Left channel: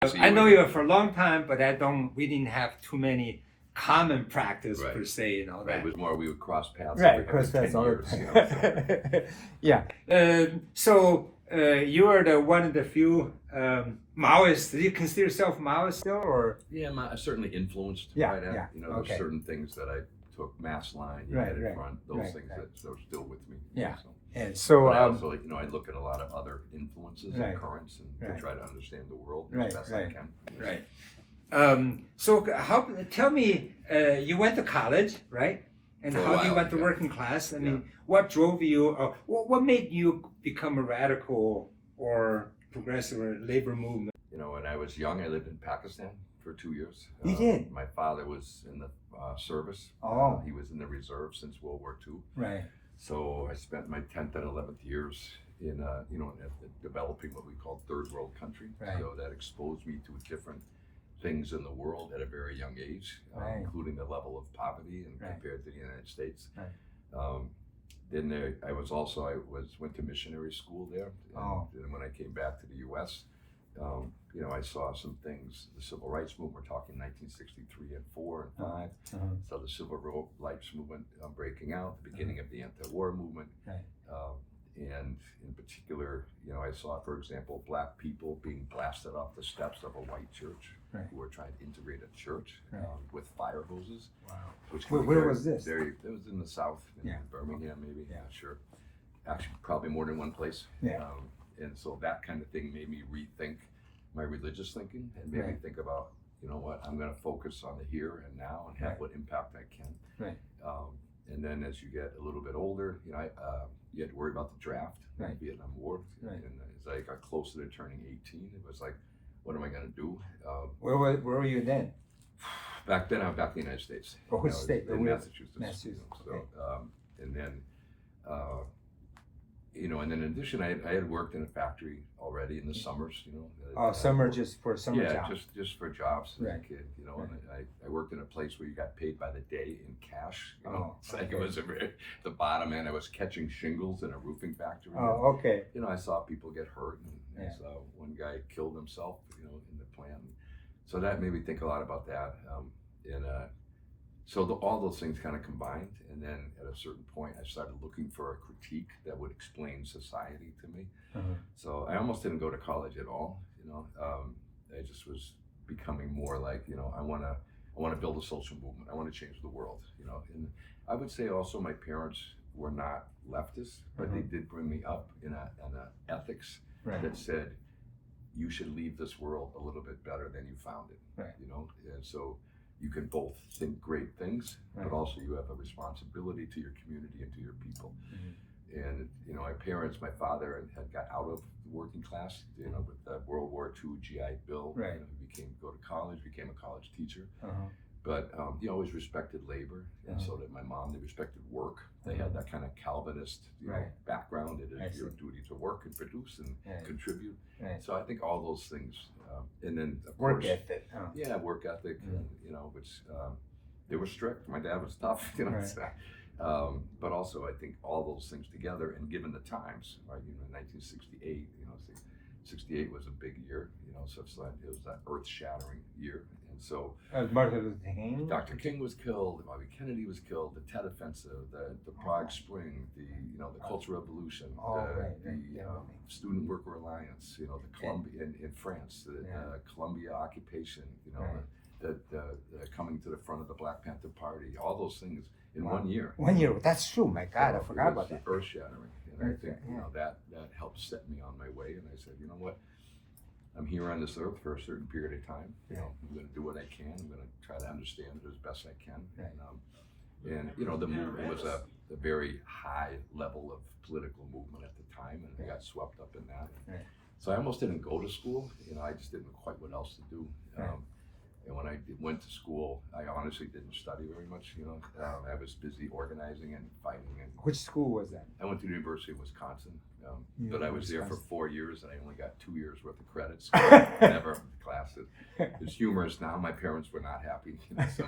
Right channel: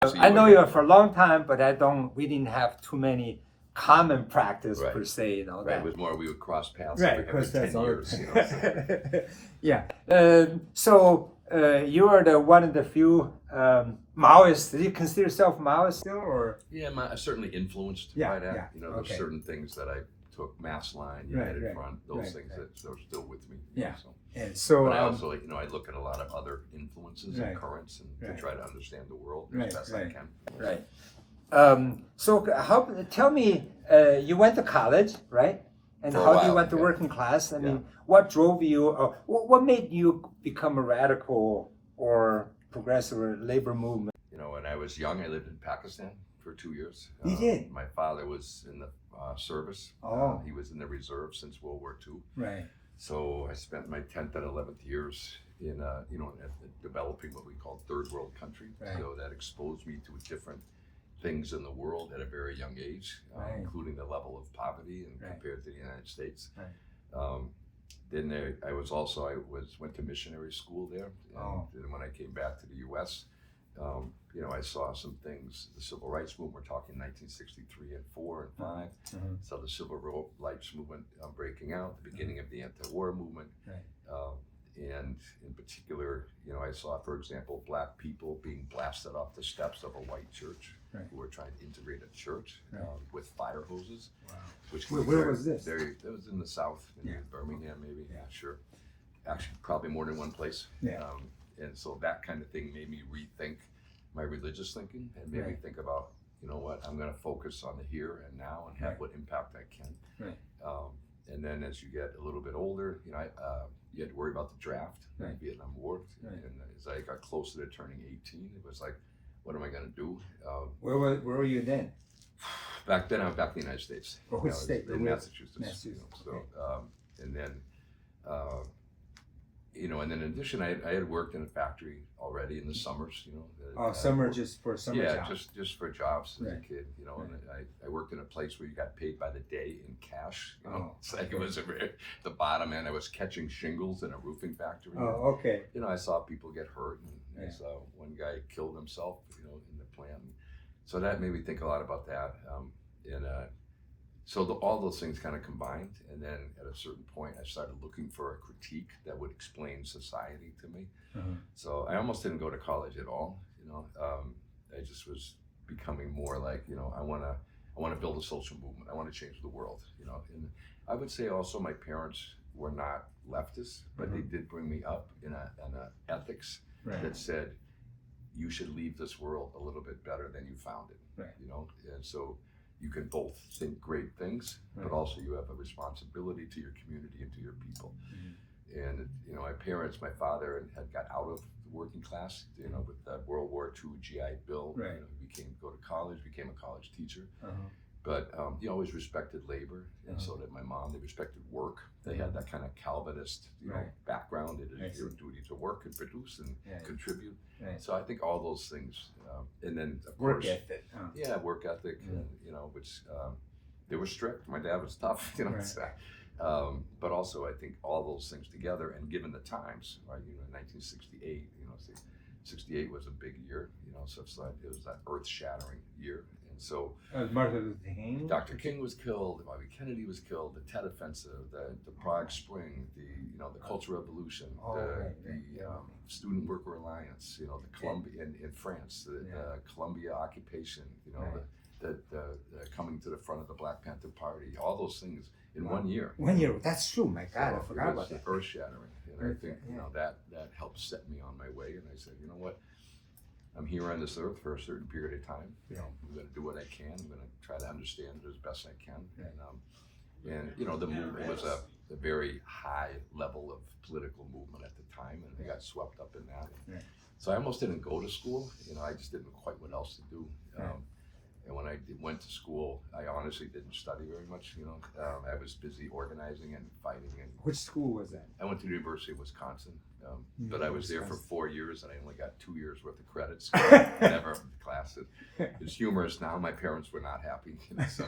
I know you for a long time, but we didn't have too many common practice Right. per se, you know, Right, that. it was more we would cross paths Right, every because that's 10 all. years. You know, so. Yeah. So you are the one of the few Maoists. Do you consider yourself Maoist still, or? Yeah, certainly influenced Yeah, by that. yeah, You know, there's okay. certain things that I took, Mass Line, Right, United right, Front, those right, things right. that are still with me. You Yeah. know, so. And so, But I also, you know, I look at a lot of other influences Right, and currents and right. to try to understand the world Right, as best right. I can. right. So tell me, you went to college, right? And For a how you while, went to yeah. working class? I mean, what drove you, or what made you become a radical or progressive or labor movement? You know, when I was young, I lived in Pakistan for 2 years. You did? My father was in the service. Oh. He was in the reserve since World War II. Right. So I spent my 10th and 11th years in, you know, developing what we call third world country. Right. So that exposed me to different things in the world at a very young age, Right. including the level of poverty and Right. compared to the United States. Right. Then I went to missionary school there, and then when I came back to the U.S., you know, I saw some things. The civil rights movement, we're talking 1963 and 4 and 5. So the civil rights movement breaking out, the beginning of the anti-war movement. Right. And in particular, you know, I saw, for example, black people being blasted off the steps of a white church. Right. Who were trying to integrate a church Right. with fire hoses. Wow. Which Where was this? It was in the South, in Birmingham, maybe. Yeah. Not sure. Actually, probably more than one place. Yeah. And so that kind of thing made me rethink my religious thinking and made me Right. think about, you know what, I'm going to focus on the here and now and have Right. what impact I can. Right. And then as you get a little bit older, you know, you had to worry about the draft in the Right. Vietnam War. Right. And as I got closer to turning 18, it was like, what am I going to do? Where were you then? Back then, I was back in the United States. Oh, which state? In Massachusetts. Massachusetts. You know, so, and then, you know, and then in addition, I had worked in a factory already in the summers. You know. Oh, summer just for summer Yeah, jobs. just for jobs as Right. a kid. You know, Right. and I worked in a place where you got paid by the day in cash. You know, Oh, it's like it was the bottom end. I was catching shingles in a roofing factory. Oh, okay. You know, I saw people get hurt, and Yeah. I saw one guy killed himself, you know, in the plant. So that made me think a lot about that. So all those things kind of combined, and then at a certain point, I started looking for a critique that would explain society to me. So I almost didn't go to college at all. You know, I just was becoming more like, you know, I want to build a social movement. I want to change the world. You know, and I would say also my parents were not leftists, but they did bring me up in a ethics Right. that said you should leave this world a little bit better than you found it. Right. You know, and so you can both think great things, but Right. also you have a responsibility to your community and to your people. And you know, my parents, my father had got out of the working class, you know, with the World War II GI Bill. Right. You know, he go to college, became a college teacher. Uh-huh. But he always respected labor, and so did my mom. They respected work. They had that kind of Calvinist, you know, Right. background. It I is your see. duty to work and produce and Right. contribute. Right. So I think all those things, and then of Work course, ethic. Huh? yeah, work ethic, Yeah. and, you know, which they were strict. My dad was tough, you know. Right. So, but also I think all those things together, and given the times, right? You know, 1968, you know, 68 was a big year, you know. So it's like it was that earth-shattering year, and so. Martin Luther King. Dr. King was killed. Bobby Kennedy was killed. The Tet Offensive, the Prague Spring, the Cultural Revolution, the Student Worker Alliance, you know, the Columbia in France, the Columbia occupation, you know, the coming to the front of the Black Panther Party, all those things in 1 year. 1 year. That's true. My God, I forgot about that. Earth-shattering, and I think you know that helped set me on my way. And I said, you know what? I'm here on this earth for a certain period of time. You know, I'm going to do what I can. I'm going to try to understand it as best I can. And you know, the movement was a very high level of political movement at the time, and I got swept up in that. So I almost didn't go to school. You know, I just didn't know quite what else to do. And when I went to school, I honestly didn't study very much. You know, I was busy organizing and fighting. And Which school was that? I went to the University of Wisconsin, but I was there for 4 years, and I only got 2 years worth of credits. Never classes. It's humorous now. My parents were not happy. You know, so,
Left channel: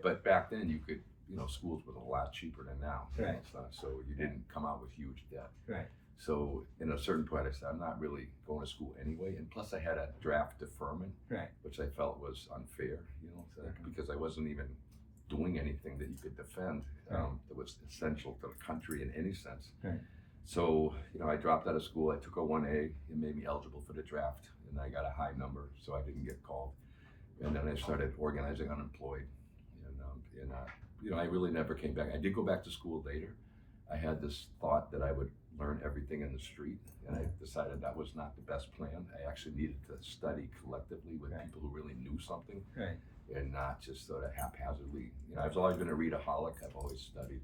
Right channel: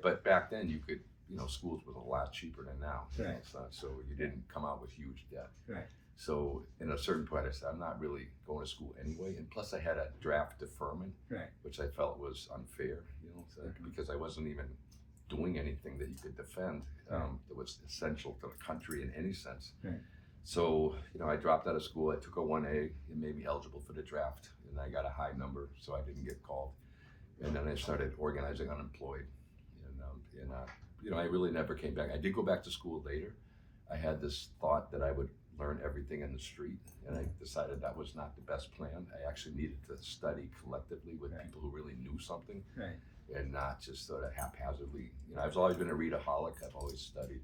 but back then you could, you know, schools was a lot cheaper than now. You know, so you didn't come out with huge debt. Right. So in a certain point, I said, I'm not really going to school anyway. And plus I had a draft deferment, Right. which I felt was unfair, so, because I wasn't even doing anything that you could defend that was essential to the country in any sense. Right. So, I dropped out of school. I took a 1A. It made me eligible for the draft, and I got a high number, so I didn't get called. And then I started organizing unemployed, and I really never came back. I did go back to school later. I had this thought that I would learn everything in the street, and I decided that was not the best plan. I actually needed to study collectively with people who really knew something, Right. and not just sort of haphazardly. I've always been a readaholic. I've always studied,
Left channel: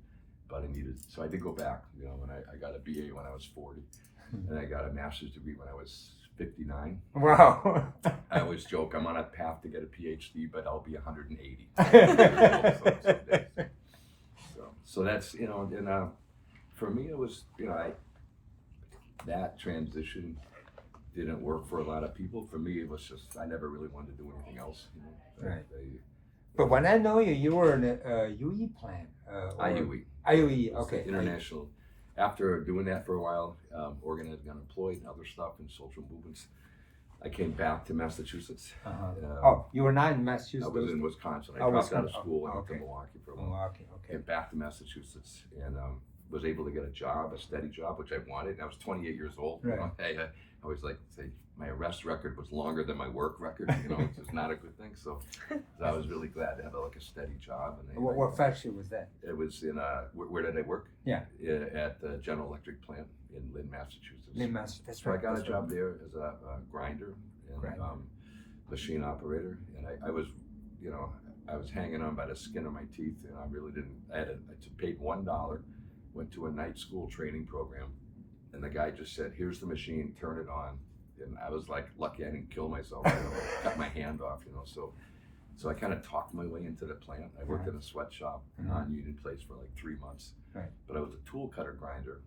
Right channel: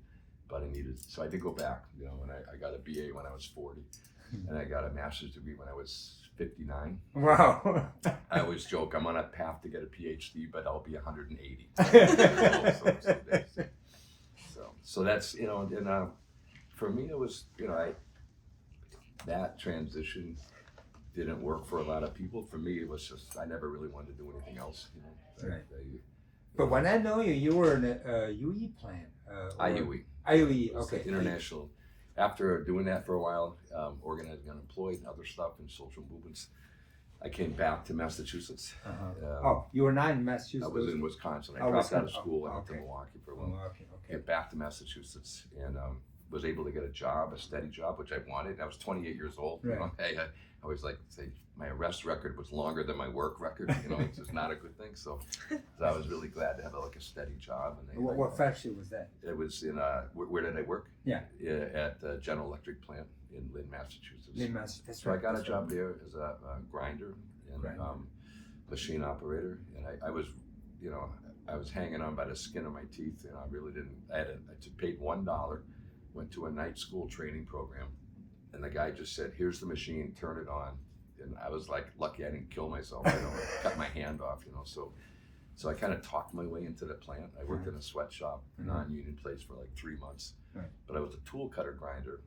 but so I did go back. When I got a BA when I was 40, and I got a master's degree when I was 59. Wow. I always joke I'm on a path to get a PhD, but I'll be 180. So that's and for me it was that transition didn't work for a lot of people. For me, it was just I never really wanted to do anything else. Right. But when I know you, you were in a UE plant. IUE. IUE, Okay. okay. International. After doing that for a while, organizing unemployed and other stuff and social movements, I came back to Massachusetts. You were not in Massachusetts? I was in Wisconsin. I Oh, dropped out of Wisconsin. school and Oh, went to okay. Milwaukee for a while. Milwaukee, okay. Came back to Massachusetts and was able to get a job, a steady job, which I wanted. I was 28 years old. Right. I always like to say my arrest record was longer than my work record, which is not a good thing. So I was really glad to have a steady job. And What factory was that? It was in where did I work? Yeah. At the General Electric plant in Lynn, Massachusetts. Lynn, Massachusetts. So I got a job there as a grinder and machine operator, and I was, I was hanging on by the skin of my teeth, and I really didn't. I paid $1, went to a night school training program, and the guy just said, "Here's the machine, turn it on," and I was like, lucky I didn't kill myself, or cut my hand off, So I kind of talked my way into the plant. I worked in a sweatshop, non-union place for like 3 months, but I was a tool cutter grinder,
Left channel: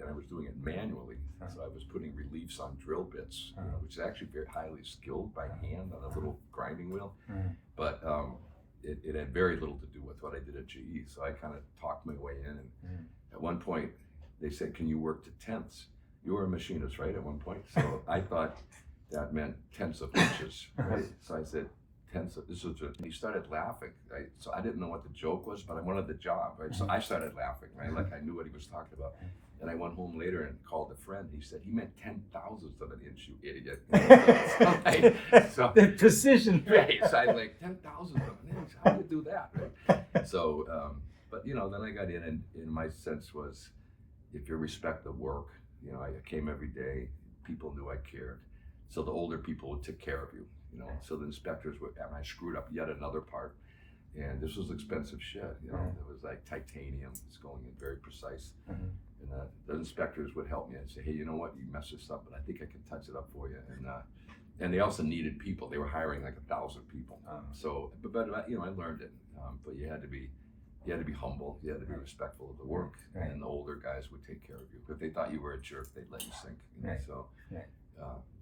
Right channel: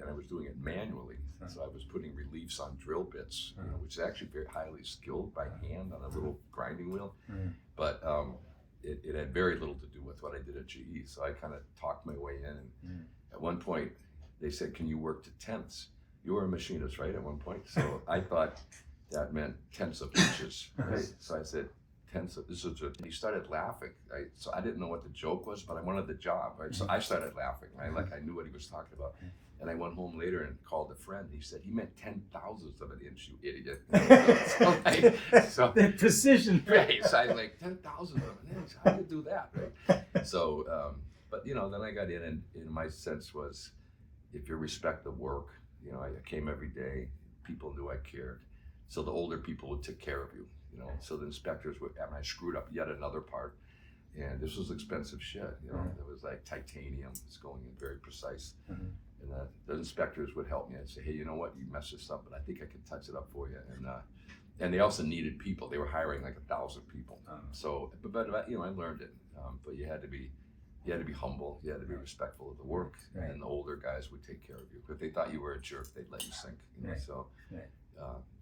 and I was doing it manually. So I was putting reliefs on drill bits, which is actually very highly skilled by hand on a little grinding wheel. But it had very little to do with what I did at GE. So I kind of talked my way in, and at one point they said, "Can you work to tenths?" You were a machinist, right? At one point, so I thought that meant tenths of inches, right? So I said, "Tenths of this is," and he started laughing. So I didn't know what the joke was, but I wanted the job, right? So I started laughing, right? Like I knew what he was talking about. And I went home later and called a friend. He said, "He meant 10,000ths of an inch, you idiot." So the precision. Right. So I was like, 10,000ths of an inch. How do you do that, right? So, but then I got in, and my sense was, if you respect the work, I came every day. People knew I cared. So the older people would take care of you, So the inspectors would, and I screwed up yet another part. And this was expensive shit, It was like titanium. It's going in very precise. And the inspectors would help me and say, "Hey, you know what? You messed this up, but I think I can touch it up for you." And they also needed people. They were hiring like 1,000 people. So, but I learned it. But you had to be humble. You had to be respectful of the work. And then the older guys would take care of you. If they thought you were a jerk, they'd let you sink.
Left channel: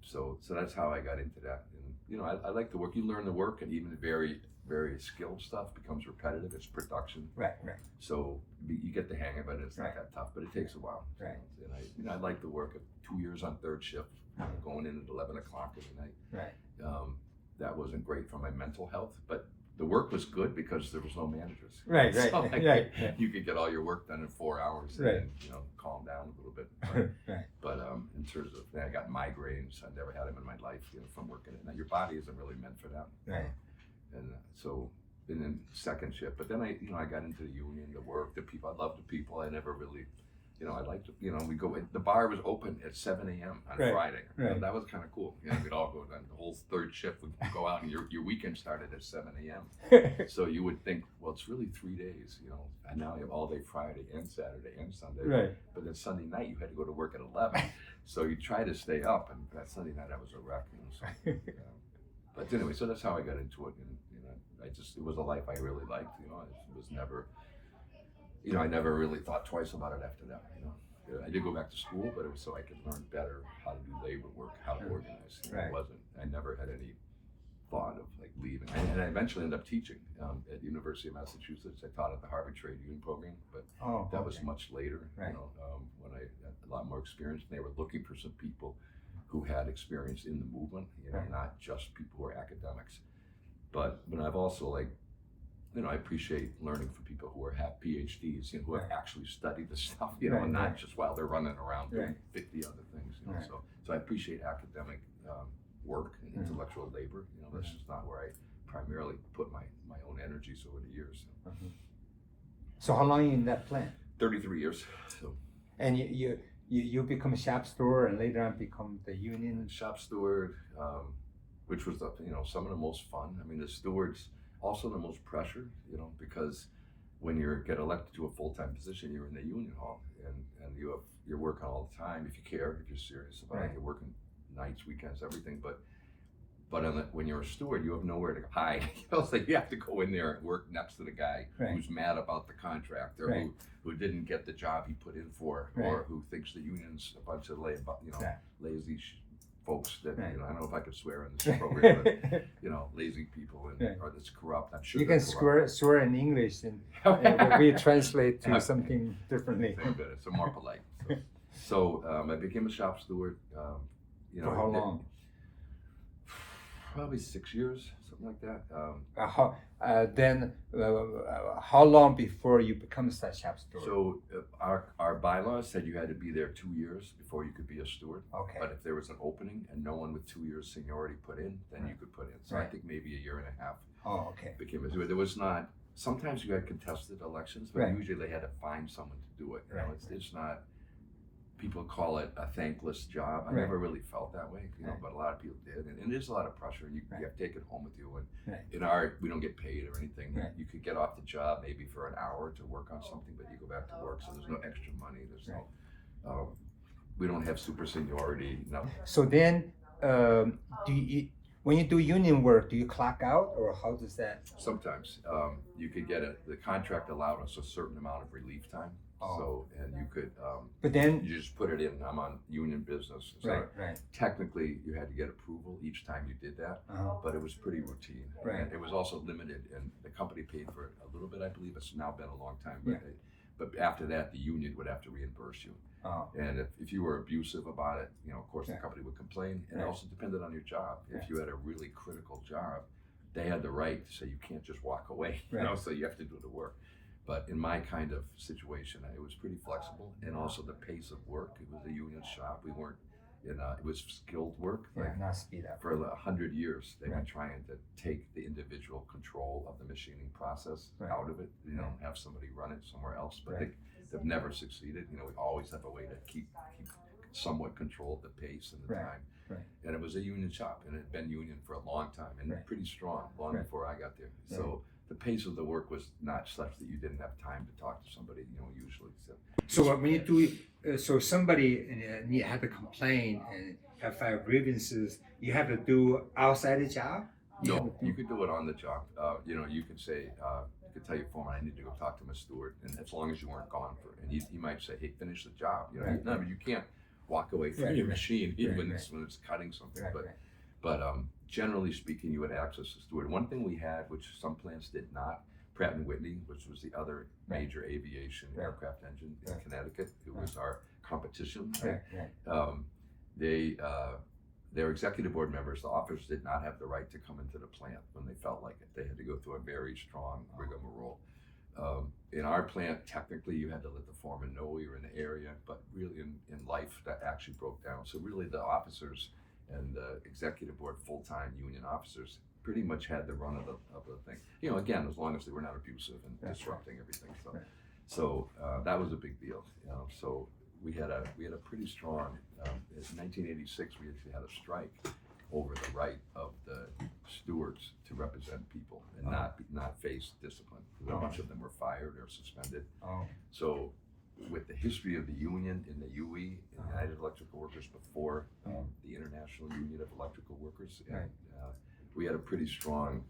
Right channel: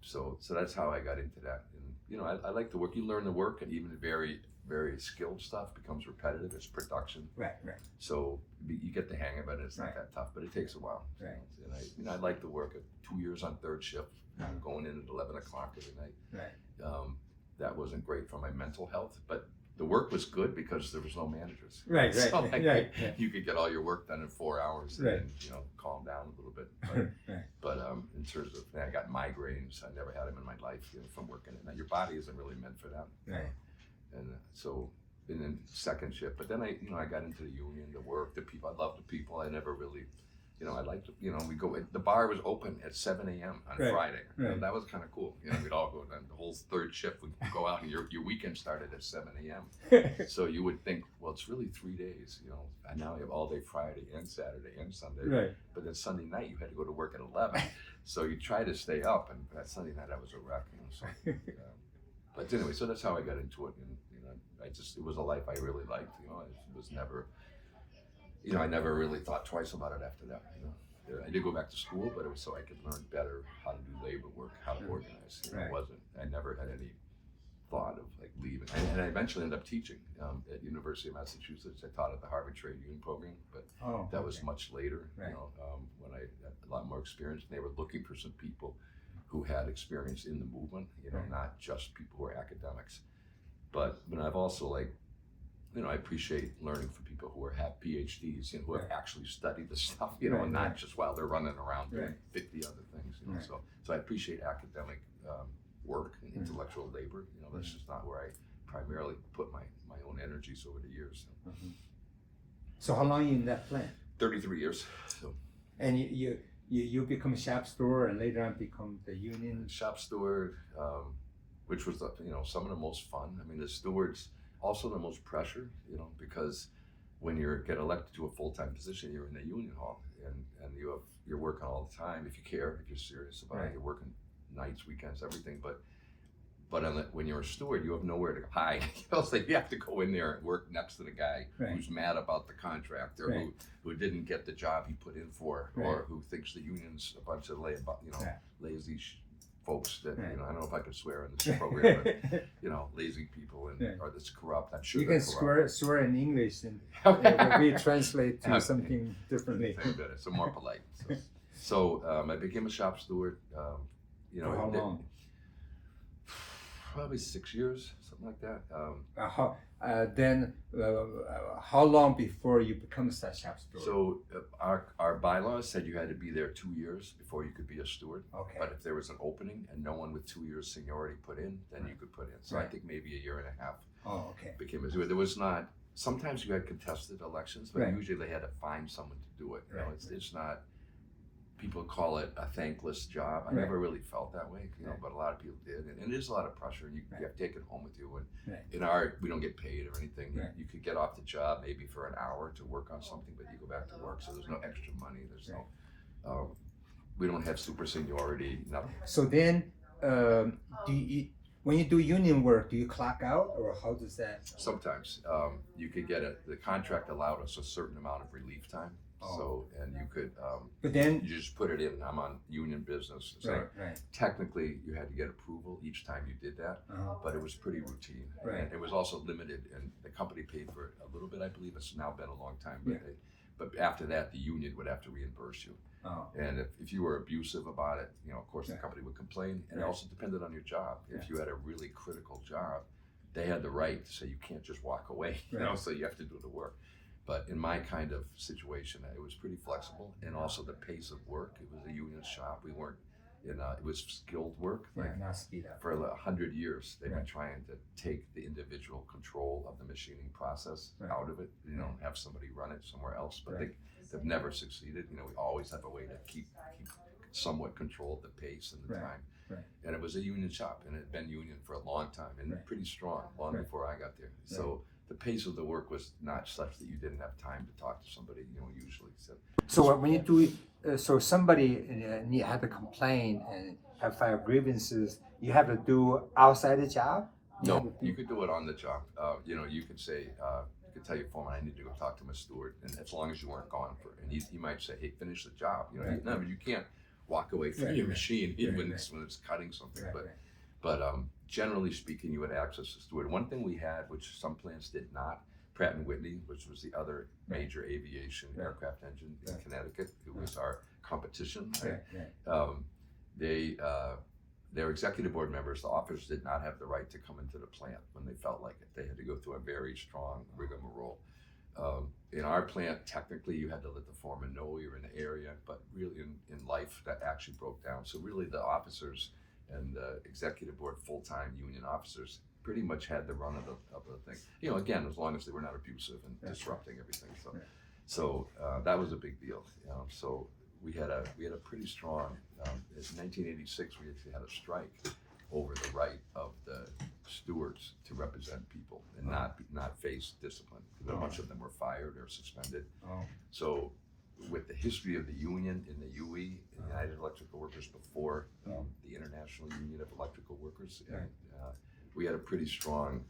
So that's how I got into that. And I like the work. You learn the work, and even the very, very skilled stuff becomes repetitive. It's production. Right. So you get the hang of it. It's not that tough, but it takes a while. Right. And I like the work. 2 years on third shift, going in at 11 o'clock every night. Right. That wasn't great for my mental health, but the work was good because there was no managers. Right. So Right. You could get all your work done in 4 hours and then, calm down a little bit. But in terms of, I got migraines. I never had them in my life, from working it. Now your body isn't really meant for that. Right. And so, and then second shift. But then I got into the union, the work, the people. I loved the people. I never really, I liked, we go. The bar was open at 7 a.m. on Friday. That was kind of cool. We'd all go down. The whole third shift would go out, and your weekend started at 7 a.m. So you would think, well, it's really 3 days. And now you have all day Friday and Saturday and Sunday. Right. But then Sunday night you had to go to work at 11. So you try to stay up, and that Sunday night I was a wreck. So. But anyway, so that's how I got into it, and it was a life I really liked. It was never, I never really thought twice about it after that. I did go back to school, but it was so I could learn better how to do labor work, how to organize. It wasn't. I never had any thought of like leaving, and I eventually ended up teaching at University of Massachusetts. I taught at the Harvard Trade Union program, but that was much later. Right. When I had a lot more experience, and they were looking for some people who had experience in the movement. Right. Not just people who are academics, but I've also like. I appreciate learning from people who have PhDs, who have actually studied the stuff, and not just while they're running around doing 50 other things, So I appreciate academic work and intellectual labor. That's just not where I primarily put my own energies over the years. So how long you in that plant? 33 years. So. And you become a shop steward and later on become the union shop steward, which was some of the most fun. I mean, the stewards. Also the most pressure, because when you get elected to a full-time position, you're in the union hall and you're working all the time if you care, if you're serious about it. You're working nights, weekends, everything. But when you're a steward, you have nowhere to hide. It's like you have to go in there and work next to the guy who's mad about the contract or who didn't get the job he put in for, or who thinks the union's a bunch of lazy folks that I don't know if I could swear in this program, but lazy people or that's corrupt. I'm sure you can swear in English, and we translate to something differently. It's more polite. So I became a shop steward. For how long? Probably 6 years, something like that. Then how long before you become a shop steward? So our bylaws said you had to be there 2 years before you could be a steward. Okay. But if there was an opening and no one with 2 years seniority put in, then you could put in. So I think maybe a year and a half. Oh, okay. Became a steward. There was not. Sometimes you had contested elections, but usually they had to find someone to do it. It's not. People call it a thankless job. I never really felt that way, but a lot of people did, and it is a lot of pressure. And you have to take it home with you. And in our, we don't get paid or anything. You could get off the job maybe for an hour to work on something, but you go back to work, so there's no extra money. There's no. We don't have super seniority. Nothing. So then, when you do union work, do you clock out, or how does that? Sometimes you could get the contract allowed us a certain amount of relief time. So, and you could, but then you just put it in, I'm on union business. So technically you had to get approval each time you did that, but it was pretty routine. And it was also limited, and the company paid for it a little bit, I believe. It's now been a long time, but after that, the union would have to reimburse you. And if you were abusive about it, of course the company would complain, and it also depended on your job. If you had a really critical job, they had the right to say you can't just walk away, so you have to do the work. But in my kind of situation, it was pretty flexible, and also the pace of work. It was a union shop. We weren't it was skilled work. Not speed up. For 100 years, they've been trying to take the individual control of the machining process out of it. Have somebody run it somewhere else, but they've never succeeded. We always have a way to keep somewhat control of the pace and the time. And it was a union shop, and it had been union for a long time, and pretty strong, long before I got there. So the pace of the work was not such that you didn't have time to talk to somebody, usually. So when you do, so somebody had to complain and have filed grievances, you have to do outside the job? No, you could do it on the job. You could say, you could tell your foreman, I need to go talk to my steward, and as long as you weren't gone and he might say, hey, finish the job. No, but you can't walk away from your machine when it's cutting something. But generally speaking, you would access the steward. One thing we had, which some plants did not, Pratt & Whitney, which was the other major aviation aircraft engine in Connecticut, who was our competition. Their executive board members, the officers, did not have the right to come into the plant when they felt like it. They had to go through a very strong rigmarole. In our plant, technically, you had to let the foreman know you were in the area, but really in life, that actually broke down. So really the officers and the executive board full-time union officers pretty much had the run of the thing. Again, as long as they were not abusive and disrupting everything. So that was a big deal. So we had a pretty strong. In 1986, we actually had a strike over the right of the stewards to represent people and not face discipline, because a bunch of them were fired or suspended. So with the history of the union in the UE, in the United Electrical Workers, before the International Union of Electrical Workers, and we had a pretty strong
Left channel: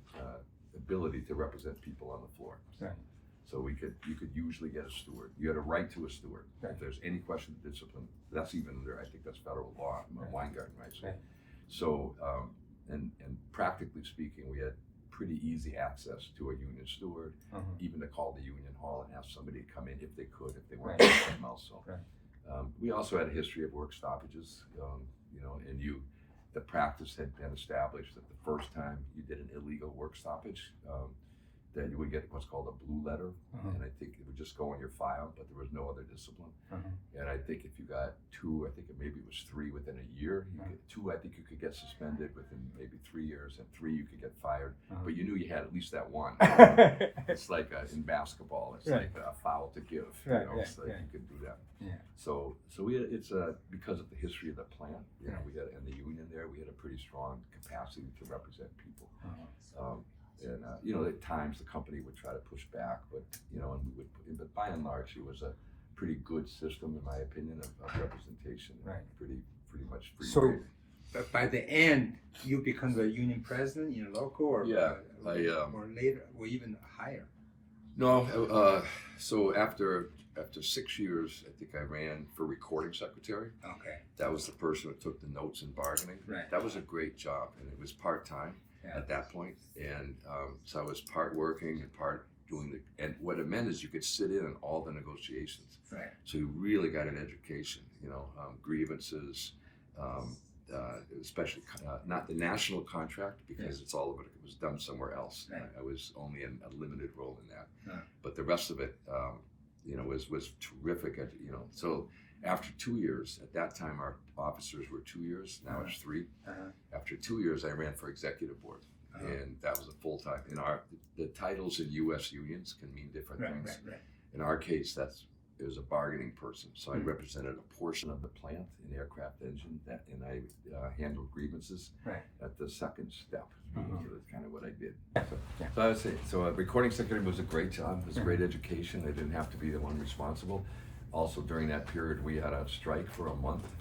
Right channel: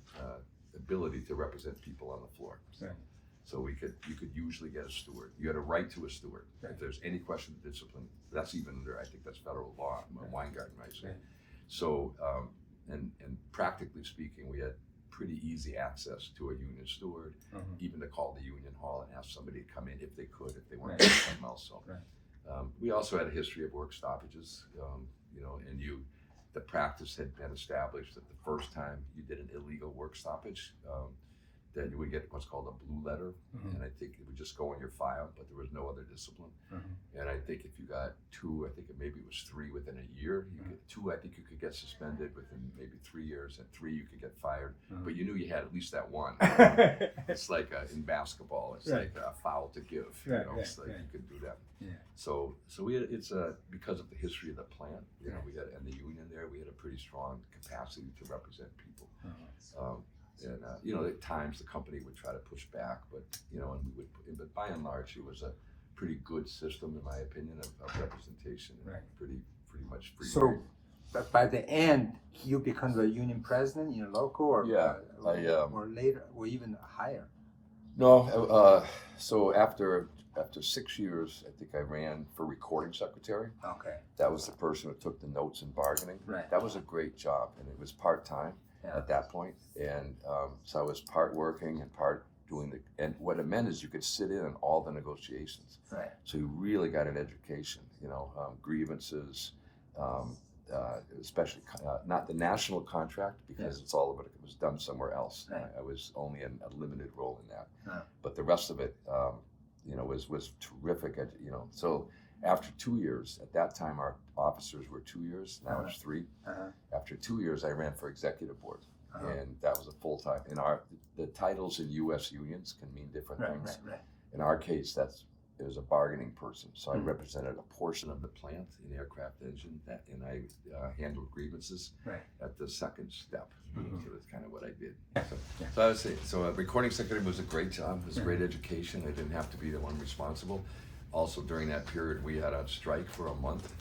ability to represent people on the floor. So you could usually get a steward. You had a right to a steward. If there's any question of discipline, that's even under, I think that's federal law, Weingarten rights. So and practically speaking, we had pretty easy access to a union steward, even to call the union hall and ask somebody to come in if they could, if they weren't doing something else. So, we also had a history of work stoppages, you know, and the practice had been established that the first time you did an illegal work stoppage, that you would get what's called a blue letter, and I think it would just go in your file, but there was no other discipline. And I think if you got 2, I think maybe it was 3 within a year, you get 2, I think you could get suspended within maybe 3 years, and 3 you could get fired, but you knew you had at least that one. It's like in basketball, it's like a foul to give, you know, it's like you could do that. So we had, it's because of the history of the plant, you know, we had, and the union there, we had a pretty strong capacity to represent people. And you know, at times the company would try to push back, but you know, and we would, but by and large, it was a pretty good system, in my opinion, of representation. Pretty much free. So, but by the end, you become the union president in your local, or or later, or even higher. No, so after 6 years, I think I ran for recording secretary. Okay. That was the person who took the notes in bargaining. That was a great job, and it was part-time at that point. And so I was part working and part doing and what it meant is you could sit in on all the negotiations. So you really got an education, you know, grievances, especially not the national contract, because it's all of it was done somewhere else. I was only in a limited role in that, but the rest of it, you know, was terrific. You know, so after 2 years, at that time our officers were 2 years. Now it's 3. After 2 years, I ran for executive board, and that was a full time. The titles in U.S. unions can mean different things. In our case, it was a bargaining person, so I represented a portion of the plant in aircraft engine, and I handled grievances at the second step. So that's kind of what I did. So I would say, so recording secretary was a great job. It was a great education. I didn't have to be the one responsible. Also, during that period, we had a strike for a month,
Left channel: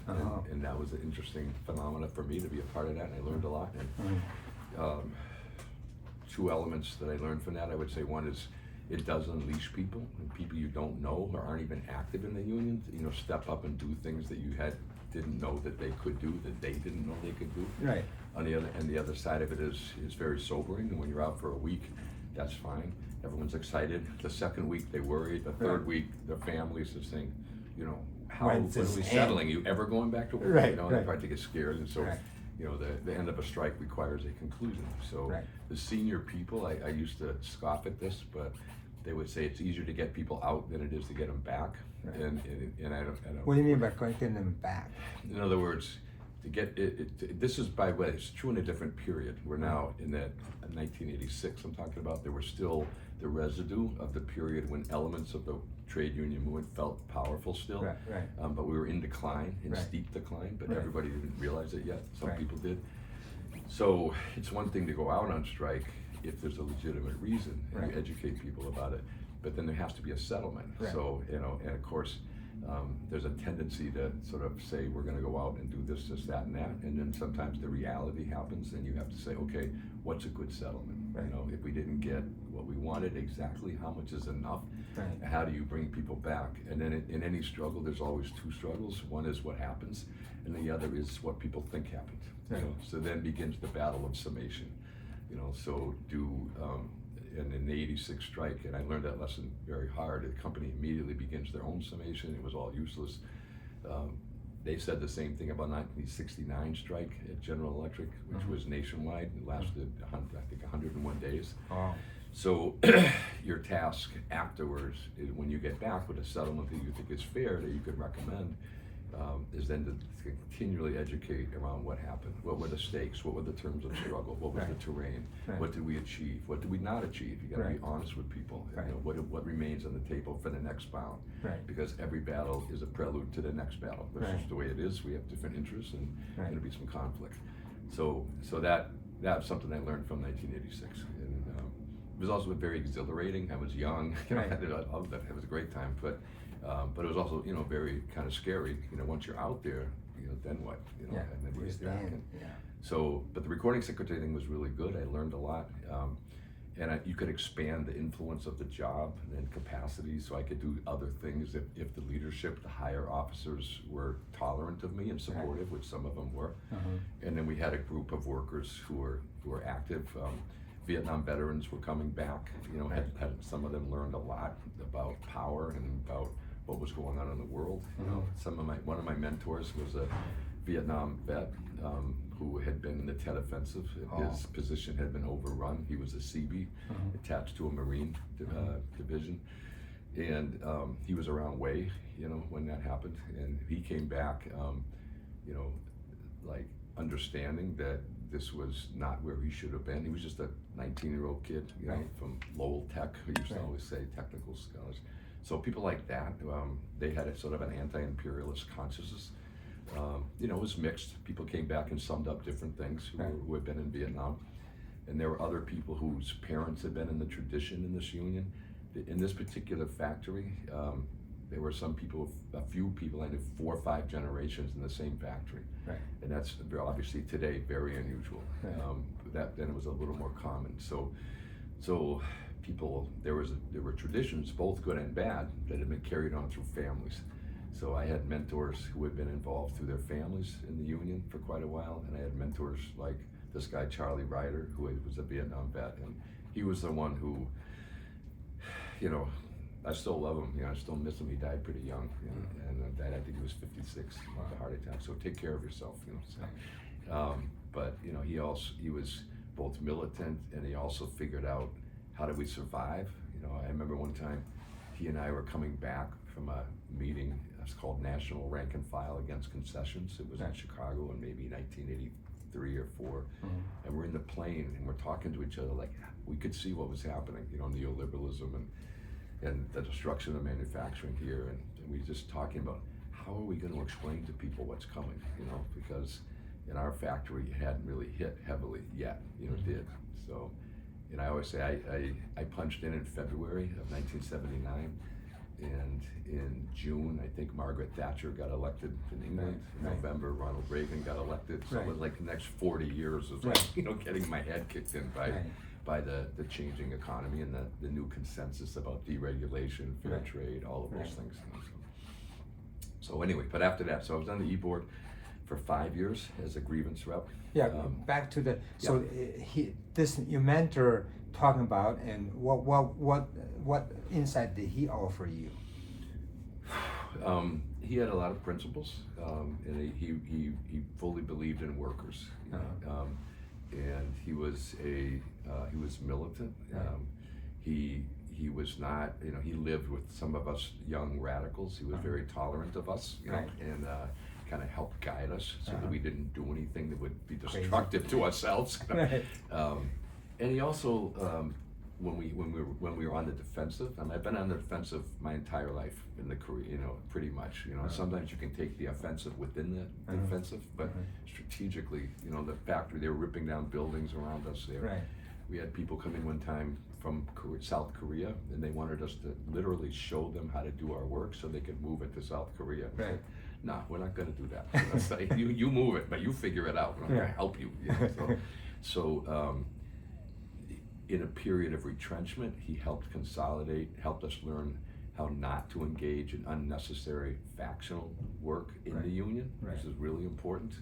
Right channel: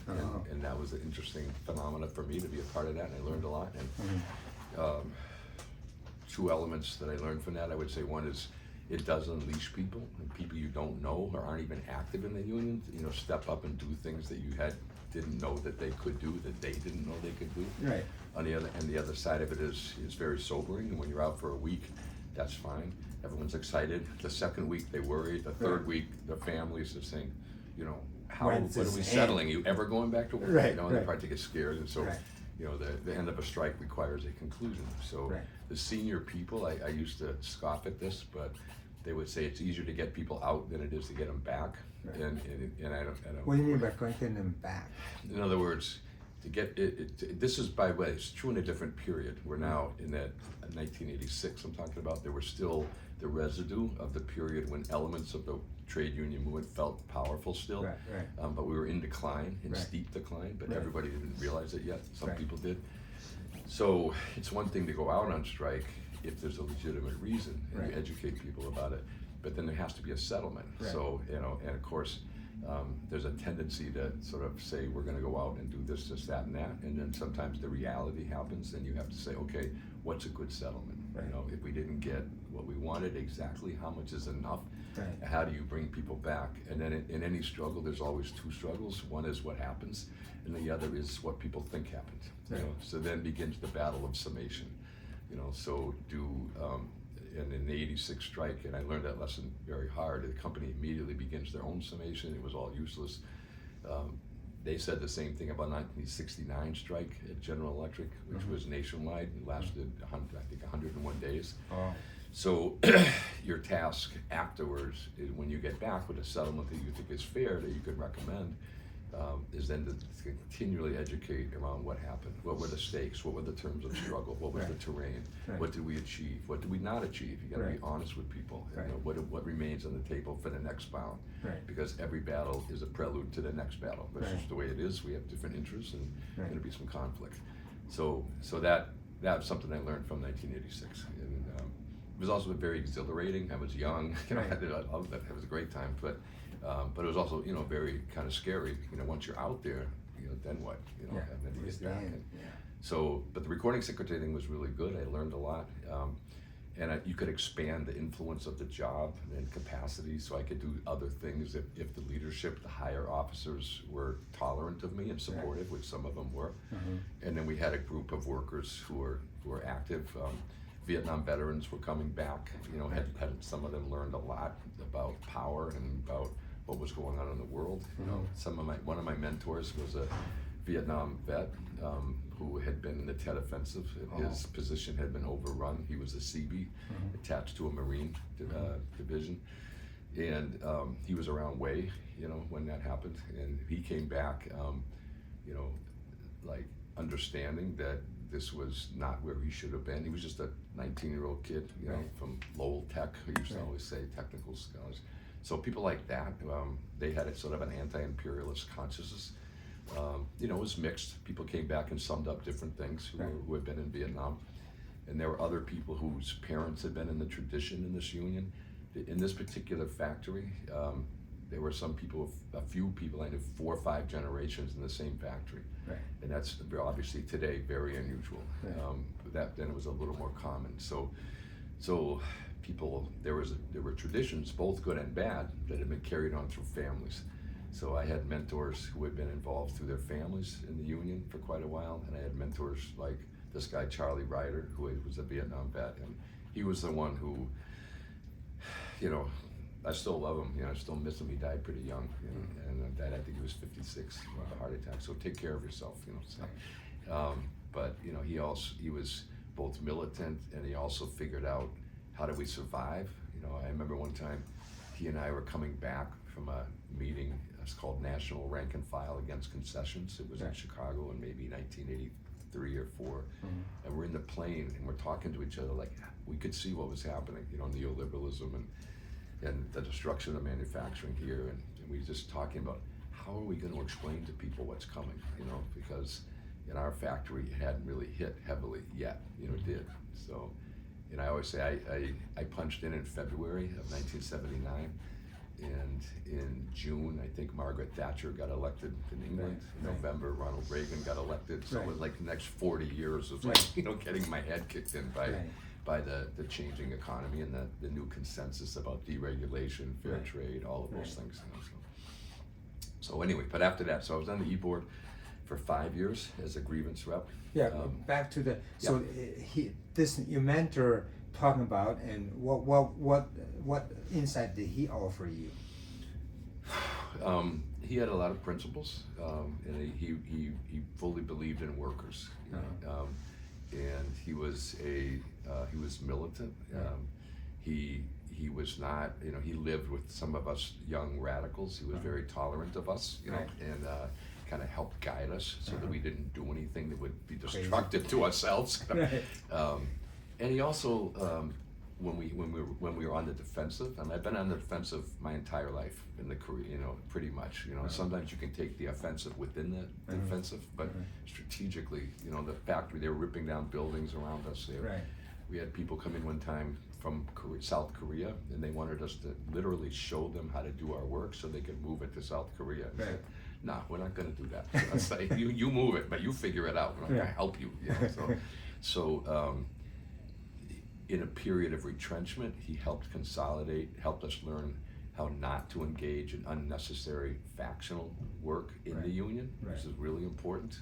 and that was an interesting phenomenon for me to be a part of that, and I learned a lot. And 2 elements that I learned from that, I would say, one is it does unleash people, and people you don't know or aren't even active in the union, you know, step up and do things that you didn't know that they could do, that they didn't know they could do. On the other side of it is very sobering, and when you're out for a week, that's fine. Everyone's excited. The second week they worry. The third week their families are saying, you know, what are we settling? You ever going back to work? You know, and they probably get scared, and so you know, the end of a strike requires a conclusion. So the senior people, I used to scoff at this, but they would say it's easier to get people out than it is to get them back. And I don't. What do you mean by getting them back? In other words, to get this is, by the way, it's true in a different period. We're now in that 1986 I'm talking about. There were still the residue of the period when elements of the trade union movement felt powerful still, but we were in decline, in steep decline, but everybody didn't realize it yet. Some people did. So it's one thing to go out on strike if there's a legitimate reason and you educate people about it, but then there has to be a settlement. So, you know, and of course, there's a tendency to sort of say we're going to go out and do this, that, and that, and then sometimes the reality happens, and you have to say, okay, what's a good settlement? You know, if we didn't get what we wanted, exactly how much is enough? How do you bring people back? And then in any struggle, there's always 2 struggles. One is what happens, and the other is what people think happened. You know, so then begins the battle of summation. You know, so and in the 86 strike, and I learned that lesson very hard, the company immediately begins their own summation. It was all useless. They said the same thing about 1969 strike at General Electric, which was nationwide. It lasted, I think, 101 days. So your task afterwards is, when you get back with a settlement that you think is fair, that you could recommend, is then to continually educate around what happened. What were the stakes? What were the terms of struggle? What was the terrain? What did we achieve? What did we not achieve? You got to be honest with people. You know, what remains on the table for the next bout? Because every battle is a prelude to the next battle. That's just the way it is. We have different interests, and there's going to be some conflict. So that's something I learned from 1986. And it was also very exhilarating. I was young. You know, I loved that. It was a great time, but it was also, you know, very kind of scary. You know, once you're out there, you know, then what? You know, and then you get back. So, but the recording secretary thing was really good. I learned a lot. you could expand the influence of the job and capacity, so I could do other things if the leadership, the higher officers were tolerant of me and supportive, which some of them were. And then we had a group of workers who were active. Vietnam veterans were coming back, had some of them learned a lot about power and about what was going on in the world. One of my mentors was a Vietnam vet who had been in the Tet Offensive. His position had been overrun. He was a Seabee attached to a Marine division, and he was around Way, when that happened, and he came back, like understanding that this was not where he should have been. He was just a 19-year-old kid, from Lowell Tech, who used to always say technical scholars. So people like that, they had a sort of an anti-imperialist consciousness. It was mixed. People came back and summed up different things who had been in Vietnam. And there were other people whose parents had been in the tradition in this union. In this particular factory, there were some people, a few people, I knew 4 or 5 generations in the same factory. And that's obviously today very unusual. Then it was a little more common. So people, there were traditions, both good and bad, that had been carried on through families. So I had mentors who had been involved through their families in the union for quite a while, and I had mentors like this guy Charlie Ryder, who was a Vietnam vet, and he was the one who, I still love him. I still miss him. He died pretty young, and died, I think he was 56 of a heart attack. So take care of yourself, But he was both militant, and he also figured out how do we survive. I remember one time he and I were coming back from a meeting. It's called National Rank and File Against Concessions. It was in Chicago in maybe 1983 or 4. And we're in the plane and we're talking to each other like we could see what was happening, neoliberalism and the destruction of manufacturing here. And we were just talking about how are we going to explain to people what's coming, because in our factory it hadn't really hit heavily yet, it did. So, and I always say I punched in February of 1979. And in June, I think Margaret Thatcher got elected in England. In November, Ronald Reagan got elected. So it was like the next 40 years of getting my head kicked in by the changing economy and the new consensus about deregulation, fair trade, all of those things. So anyway, but after that, so I was on the E-board for 5 years as a grievance rep. Back to the your mentor talking about, and what insight did he offer you? He had a lot of principles, and he fully believed in workers, and he was militant. He was not, he lived with some of us young radicals. He was very tolerant of us, and kind of helped guide us so that we didn't do anything that would be destructive to ourselves. And he also, when we were on the defensive, and I've been on the defensive my entire life in the career, pretty much. Sometimes you can take the offensive within the defensive, but strategically, the factory, they were ripping down buildings around us there. We had people come in one time from South Korea, and they wanted us to literally show them how to do our work so they could move it to South Korea. Said, nah, we're not going to do that. Let's say, you move it, but you figure it out. We're not going to help you. So in a period of retrenchment, he helped consolidate, helped us learn how not to engage in unnecessary factional work in the union. This is really important.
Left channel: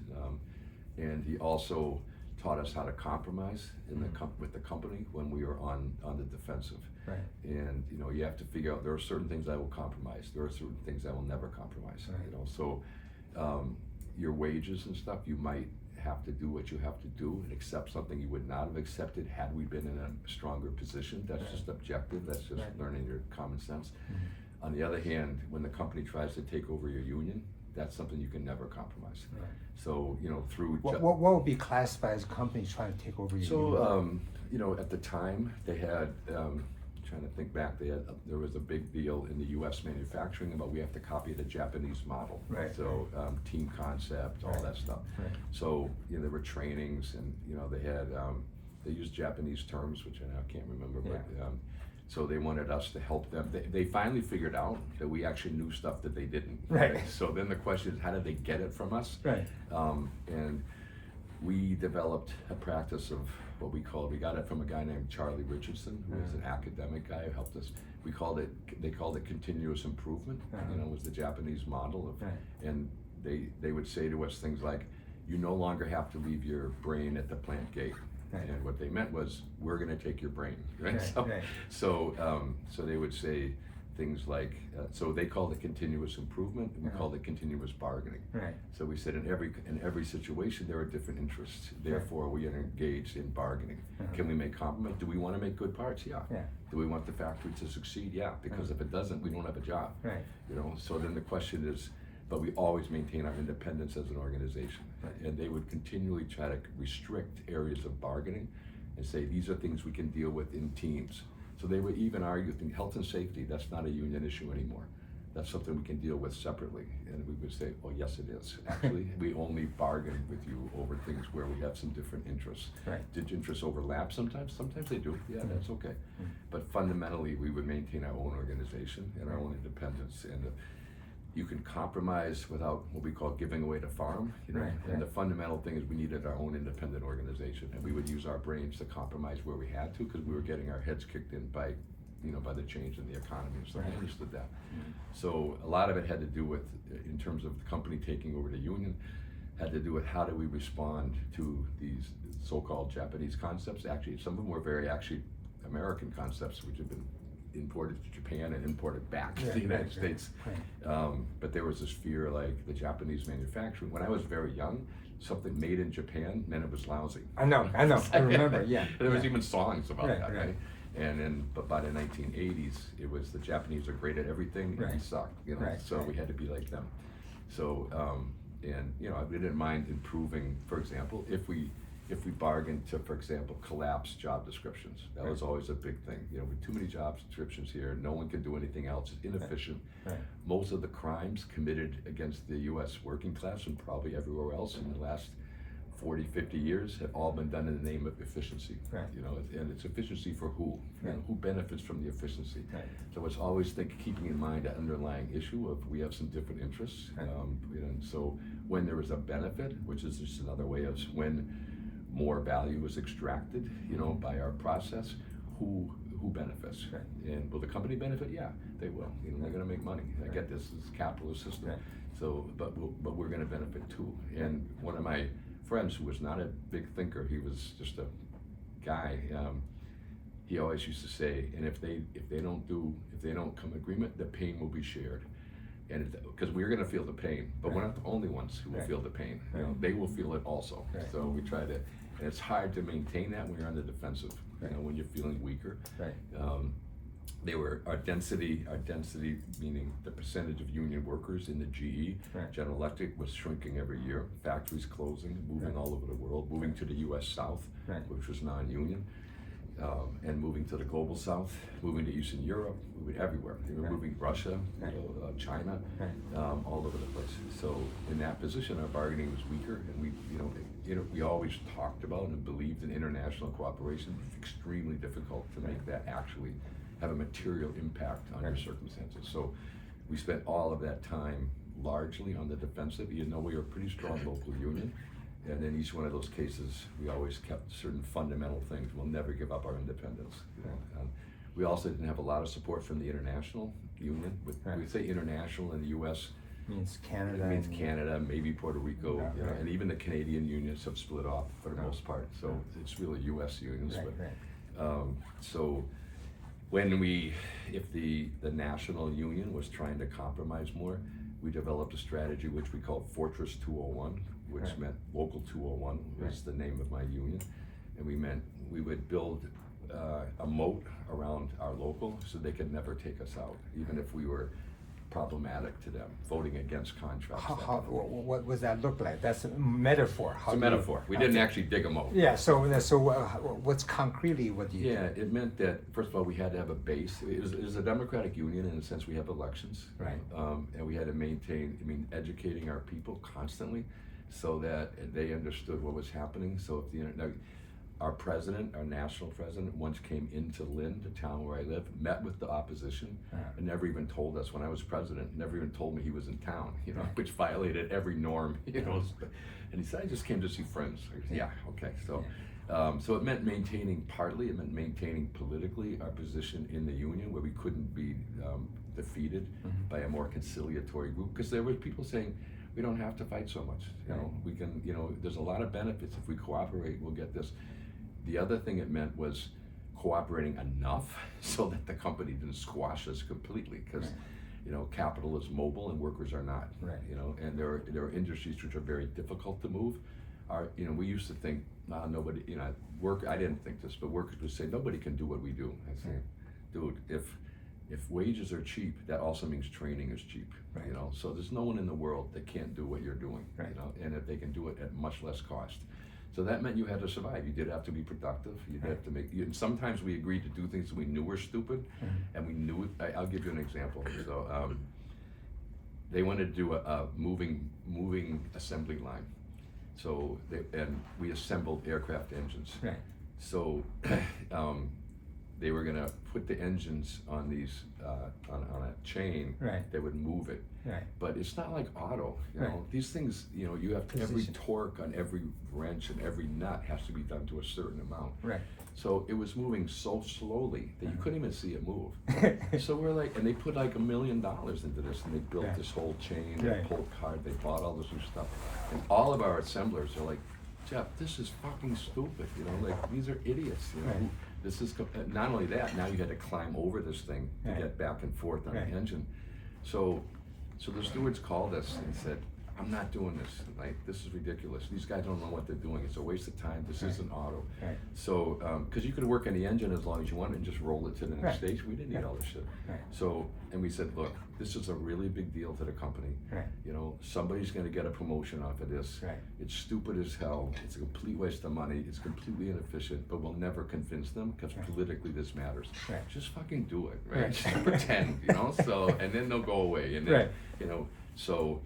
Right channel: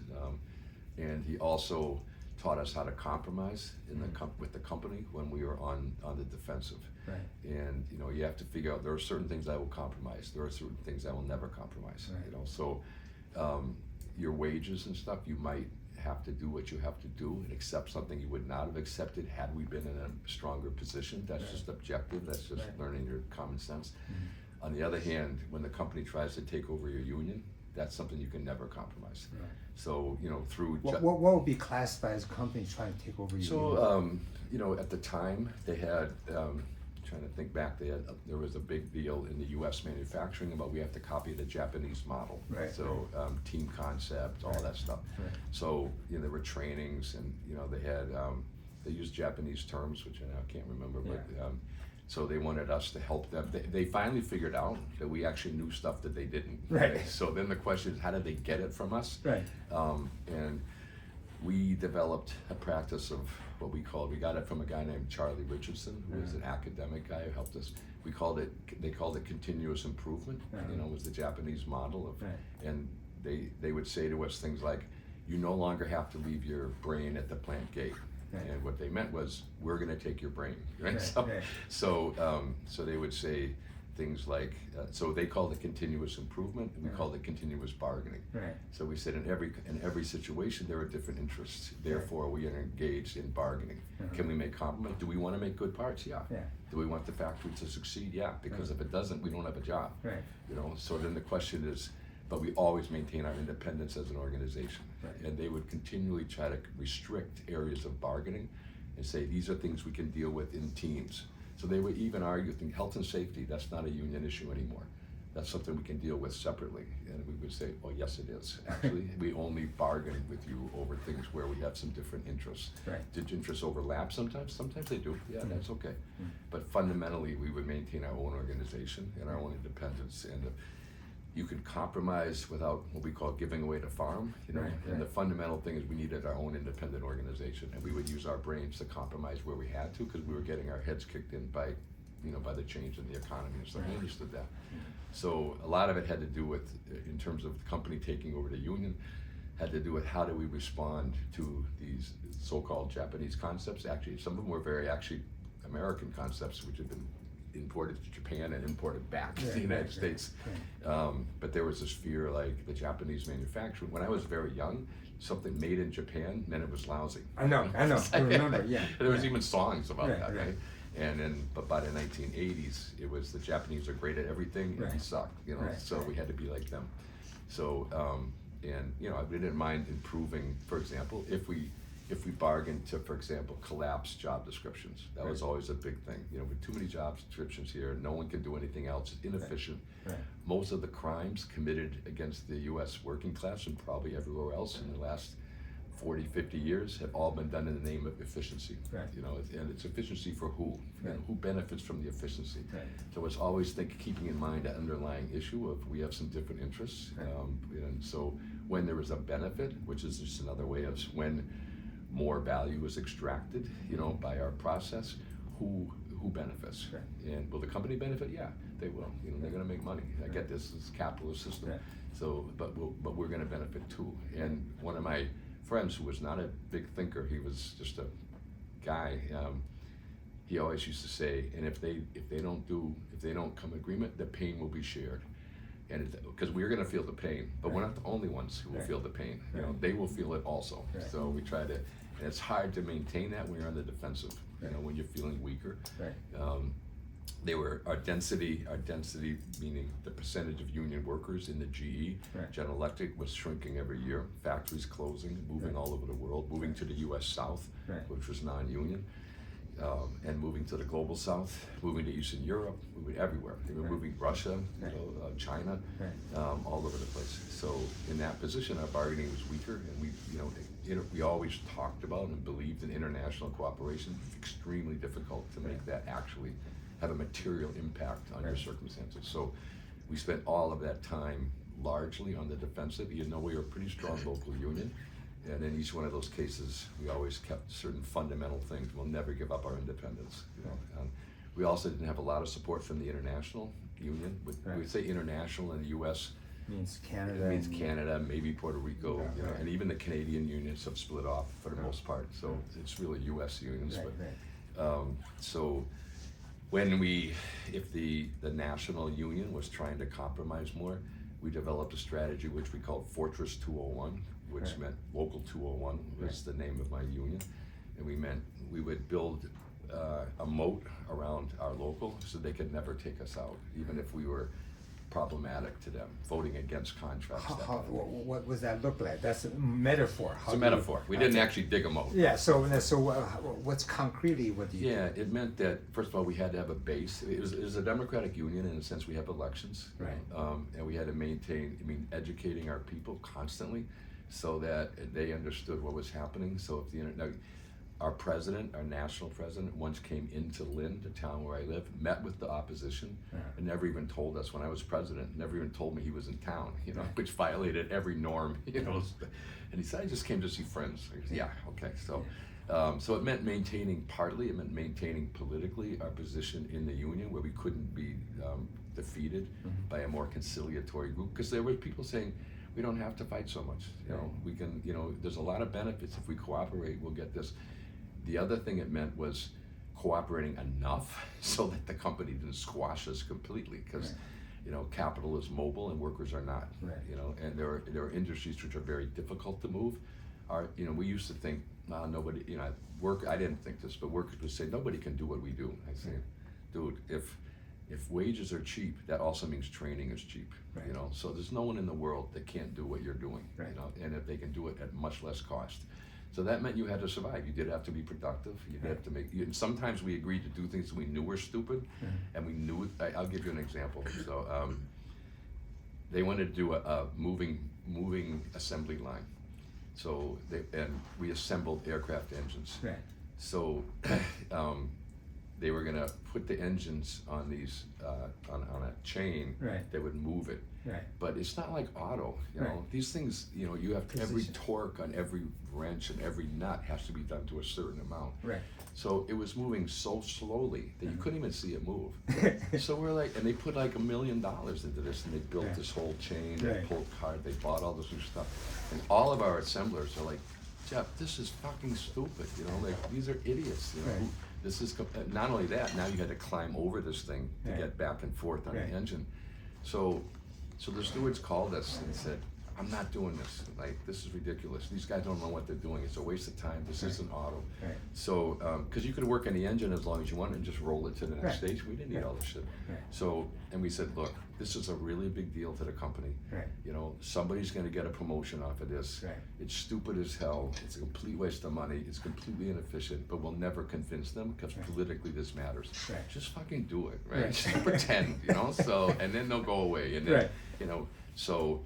And he also taught us how to compromise with the company when we were on the defensive. And you have to figure out, there are certain things I will compromise, there are certain things I will never compromise. So your wages and stuff, you might have to do what you have to do and accept something you would not have accepted had we been in a stronger position. That's just objective. That's just learning your common sense. On the other hand, when the company tries to take over your union, that's something you can never compromise. So through what would be classified as a company trying to take over your union? At the time they had. Trying to think back, there was a big deal in the U.S. manufacturing about we have to copy the Japanese model. So team concept, all that stuff. So there were trainings, and they had they used Japanese terms, which I can't remember, but so they wanted us to help them. They finally figured out that we actually knew stuff that they didn't. So then the question is, how did they get it from us? And we developed a practice of what we got it from a guy named Charlie Richardson, who was an academic guy who helped us. They called it continuous improvement, was the Japanese model of, and they would say to us things like, you no longer have to leave your brain at the plant gate. And what they meant was, we're gonna take your brain, right? So they would say things like, so they called it continuous improvement, and we called it continuous bargaining. So we said in every situation there are different interests, therefore we are engaged in bargaining. Can we make compromise? Do we wanna make good parts? Yeah. Do we want the factory to succeed? Yeah, because if it doesn't, we don't have a job. So then the question is, but we always maintain our independence as an organization. And they would continually try to restrict areas of bargaining and say, these are things we can deal with in teams. So they would even argue, health and safety, that's not a union issue anymore. That's something we can deal with separately. And we would say, oh yes it is. Actually, we only bargain with you over things where we have some different interests. Did interests overlap sometimes? Sometimes they do, yeah, that's okay. But fundamentally, we would maintain our own organization and our own independence. And you can compromise without what we call giving away the farm, and the fundamental thing is we needed our own independent organization, and we would use our brains to compromise where we had to, because we were getting our heads kicked in by the change in the economy and stuff. We understood that. So a lot of it had to do with, in terms of the company taking over the union, had to do with how do we respond to these so-called Japanese concepts. Actually, some of them were very American concepts, which had been imported to Japan and imported back to the United States. But there was this fear, like the Japanese manufacturing. When I was very young, something made in Japan meant it was lousy. I know, I remember, There was even songs about that, right? And then, but by the 1980s, it was the Japanese are great at everything and we suck, so we had to be like them. So, and we didn't mind improving, for example, if we bargained to, for example, collapse job descriptions. That was always a big thing. With too many job descriptions here, no one can do anything else. It's inefficient. Most of the crimes committed against the U.S. working class, and probably everywhere else in the last 40, 50 years, have all been done in the name of efficiency. And it's efficiency for who? Who benefits from the efficiency? So it's always keeping in mind that underlying issue of we have some different interests. And so when there is a benefit, which is just another way of when more value is extracted, by our process, who benefits? And will the company benefit? Yeah, they will. They're going to make money. I get this. It's a capitalist system. So, but we're going to benefit too. And one of my friends, who was not a big thinker, he was just a guy. He always used to say, and if they don't come agreement, the pain will be shared. And because we're going to feel the pain, but we're not the only ones who will feel the pain. They will feel it also. So we try to, and it's hard to maintain that when you're on the defensive. When you're feeling weaker. Our density, meaning the percentage of union workers in the GE, General Electric, was shrinking every year. Factories closing, moving all over the world, moving to the U.S. South, which was non-union. And moving to the global south, moving to Eastern Europe, moving everywhere. Moving Russia, China, all over the place. So in that position, our bargaining was weaker, and we always talked about and believed in international cooperation. It's extremely difficult to make that actually have a material impact on your circumstances. So we spent all of that time largely on the defensive, even though we were a pretty strong local union. And in each one of those cases, we always kept certain fundamental things. We'll never give up our independence. We also didn't have a lot of support from the international union. We say international in the U.S. means Canada. It means Canada, maybe Puerto Rico, and even the Canadian unions have split off for the most part. So it's really U.S. unions. So when if the national union was trying to compromise more, we developed a strategy which we called Fortress 201, which meant Local 201 was the name of my union. And we would build a moat around our local so they could never take us out, even if we were problematic to them, voting against contracts. What does that look like? That's a metaphor. It's a metaphor. We didn't actually dig a moat. Yeah, so what's concretely what do you do? Yeah, it meant that, first of all, we had to have a base. It was a democratic union in the sense we have elections. And we had to maintain, educating our people constantly so that they understood what was happening. So if our president, our national president, once came into Lynn, the town where I live, met with the opposition, and never even told us when I was president, never even told me he was in town, you know, which violated every norm, you know. And he said, I just came to see friends. I said, yeah, okay. So, so it meant it meant maintaining politically our position in the union where we couldn't be defeated by a more conciliatory group, because there were people saying, we don't have to fight so much, you know, we can, you know, there's a lot of benefits if we cooperate, we'll get this. The other thing it meant was cooperating enough so that the company didn't squash us completely, because you know, capital is mobile and workers are not, you know, and there are industries which are very difficult to move. You know, we used to think, nah, nobody, you know, I didn't think this, but workers would say, nobody can do what we do. I say, dude, if wages are cheap, that also means training is cheap, you know, so there's no one in the world that can't do what you're doing, you know, and if they can do it at much less cost. So that meant you had to survive. You did have to be productive. You did have to and sometimes we agreed to do things that we knew were stupid, and we knew it. I'll give you an example. So they wanted to do a moving assembly line. So we assembled aircraft engines. So they were gonna put the engines on these on a chain that would move it. But it's not like auto, you know. These things, you know, you have every torque on every wrench and every nut has to be done to a certain amount. So it was moving so slowly that you couldn't even see it move. So we're like, and they put like $1 million into this, and they built this whole chain, they pulled card, they bought all this new stuff, and all of our assemblers are like, Jeff, this is fucking stupid, you know, like these are idiots, you know. This is not only that. Now you had to climb over this thing to get back and forth on the engine. So the stewards called us and said, I'm not doing this. Like, this is ridiculous. These guys don't know what they're doing. It's a waste of time. This isn't auto. So, because you could work on the engine as long as you wanted and just roll it to the next stage. We didn't need all this shit. So, and we said, look, this is a really big deal to the company. You know, somebody's going to get a promotion off of this. It's stupid as hell. It's a complete waste of money. It's completely inefficient, but we'll never convince them because politically this matters. Just fucking do it, right? Just pretend, you know? So, and then they'll go away. And then, you know, so,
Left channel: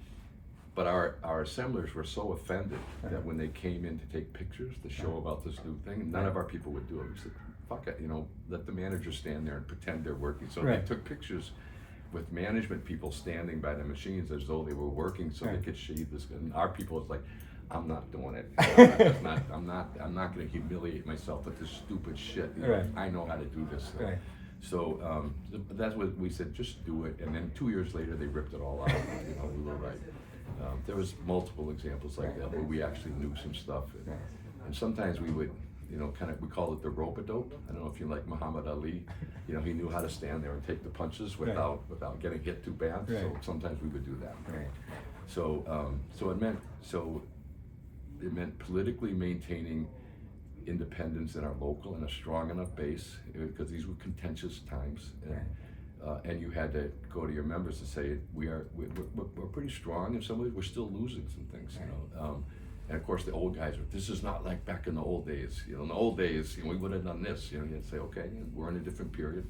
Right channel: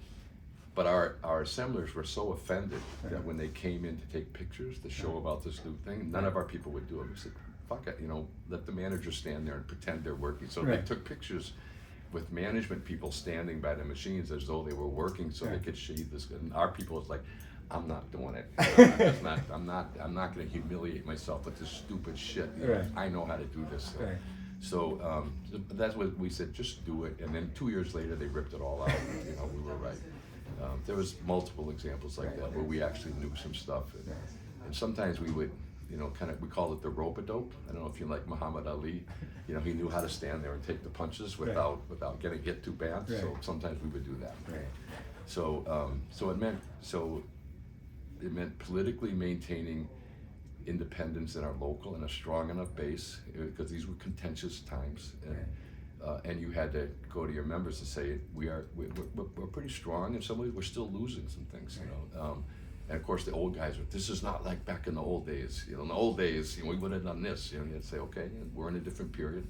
but our assemblers were so offended that when they came in to take pictures to show about this new thing, none of our people would do it. We said, fuck it, you know, let the manager stand there and pretend they're working. So they took pictures with management people standing by the machines as though they were working so they could sheathe this. And our people was like, I'm not doing it. You know, I'm not going to humiliate myself with this stupid shit. You know, I know how to do this. So that's what we said, just do it. And then 2 years later, they ripped it all out. You know, we were right. There was multiple examples like that where we actually knew some stuff. And sometimes we would, you know, we call it the rope-a-dope. I don't know if you like Muhammad Ali. You know, he knew how to stand there and take the punches without getting hit too bad. So sometimes we would do that. So it meant politically maintaining independence in our local and a strong enough base, because these were contentious times. And you had to go to your members to say, we're pretty strong, and some ways we're still losing some things, you know. And of course the old guys were, this is not like back in the old days. You know, in the old days, you know, we would have done this. You know, you'd say, okay, we're in a different period.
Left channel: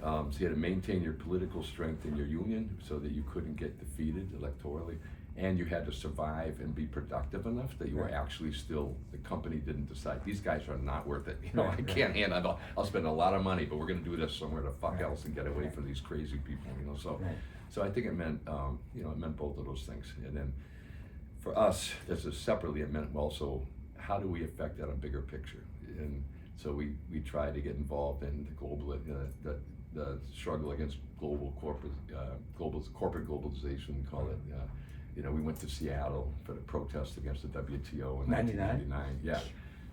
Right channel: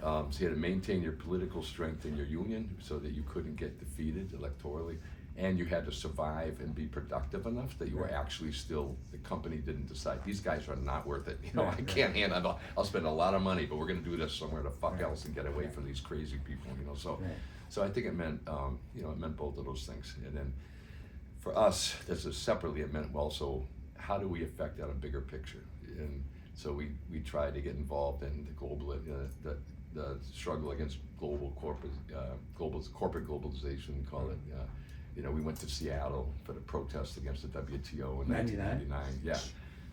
So you had to maintain your political strength in your union so that you couldn't get defeated electorally. And you had to survive and be productive enough that you were actually still, the company didn't decide, these guys are not worth it. You know, I can't handle, I'll spend a lot of money, but we're gonna do this somewhere the fuck else and get away from these crazy people, you know. So I think it meant, you know, it meant both of those things. And then for us, separately, it meant also, how do we affect that a bigger picture? And so we tried to get involved in the global, the struggle against corporate globalization, we call it. You know, we went to Seattle for the protest against the WTO in 1999. Yeah.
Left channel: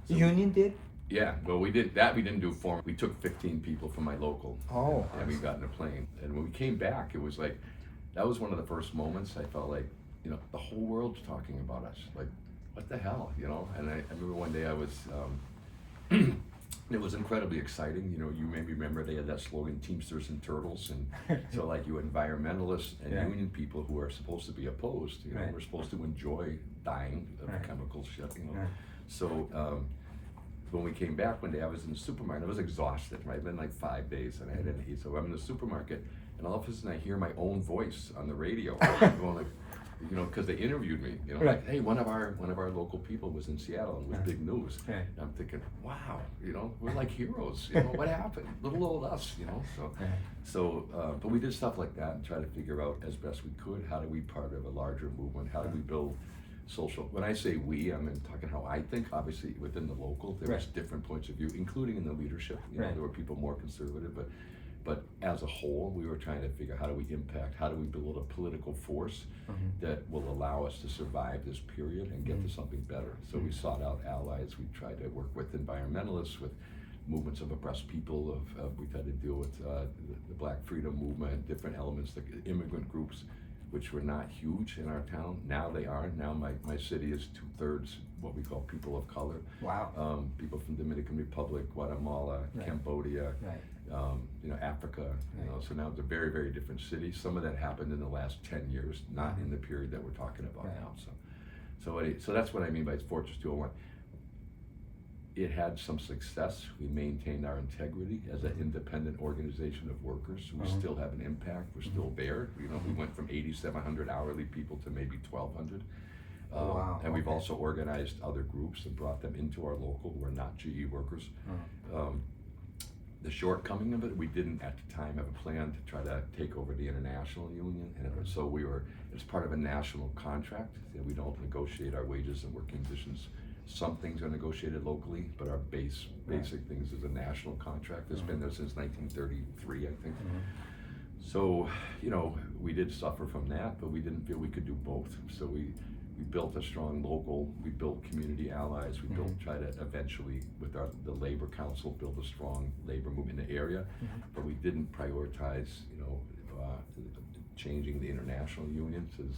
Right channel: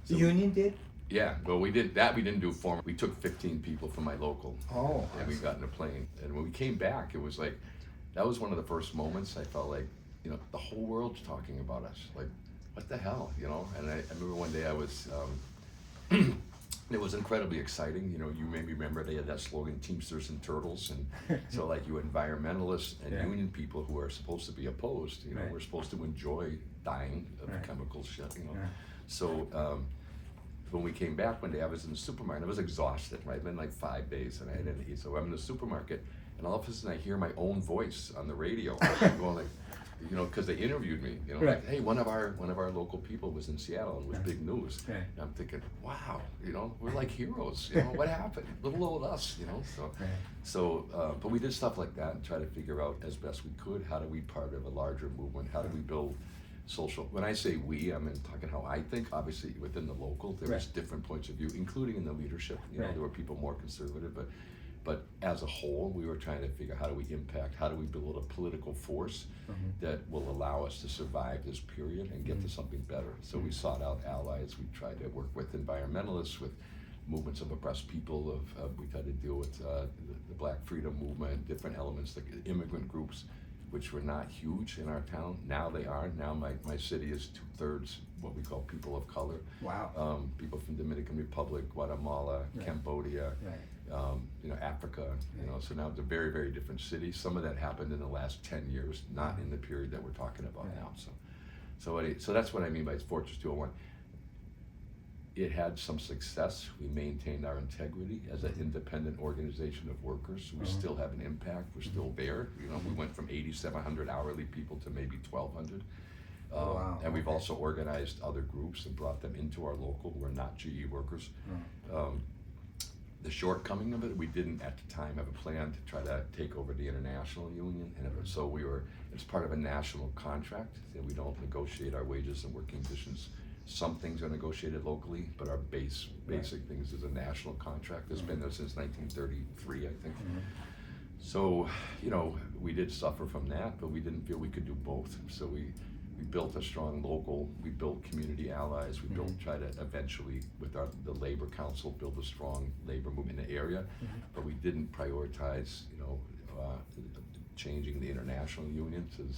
So union did? Yeah, well, we didn't do formal. We took 15 people from my local. Oh. And we got in a plane. And when we came back, it was like, that was one of the first moments I felt like, you know, the whole world's talking about us. Like, what the hell, you know? And I remember one day I was, it was incredibly exciting. You know, you maybe remember they had that slogan, Teamsters and Turtles. And so like you environmentalists and union people who are supposed to be opposed, you know, we're supposed to enjoy dying of chemical shit, you know. So when we came back one day, I was in the supermarket. I was exhausted, right? It'd been like 5 days and I didn't eat. So I'm in the supermarket and all of a sudden I hear my own voice on the radio going like, you know, because they interviewed me, you know, Right. like, hey, one of our local people was in Seattle and was big news. Right. And I'm thinking, wow, you know, we're like heroes. You know, what happened? Little old us, you know. But we did stuff like that and try to figure out as best we could, how do we part of a larger movement? How do we build social? When I say we, I'm talking how I think. Obviously, within the local, there was different points of view, including in the leadership. You know, there were people more conservative, but as a whole, we were trying to figure out how do we impact, how do we build a political force that will allow us to survive this period and get to something better. So we sought out allies. We tried to work with environmentalists, with movements of oppressed people. We tried to deal with the Black Freedom Movement, different elements, the immigrant groups, which were not huge in our town. Now they are. Now my city is 2/3 what we call people of color. Wow. People from Dominican Republic, Guatemala, Cambodia, you know, Africa, you know, so now it's a very, very different city. Some of that happened in the last 10 years, not in the period that we're talking about now. So that's what I mean by Fortress 201. It had some success. We maintained our integrity as an independent organization of workers. We still have an impact. We're still there. You know, we went from 8,700 hourly people to maybe 1,200. And we've also organized other groups and brought them into our local who are not GE workers. The shortcoming of it, we didn't at the time have a plan to try to take over the international union, and so it's part of a national contract that we don't negotiate our wages and working conditions. Some things are negotiated locally, but our basic things is a national contract that's been there since 1933, I think. So, you know, we did suffer from that, but we didn't feel we could do both. So we built a strong local, we built community allies, we try to eventually, with the Labor Council, build a strong labor movement in the area, but we didn't prioritize, you know, changing the international unions, and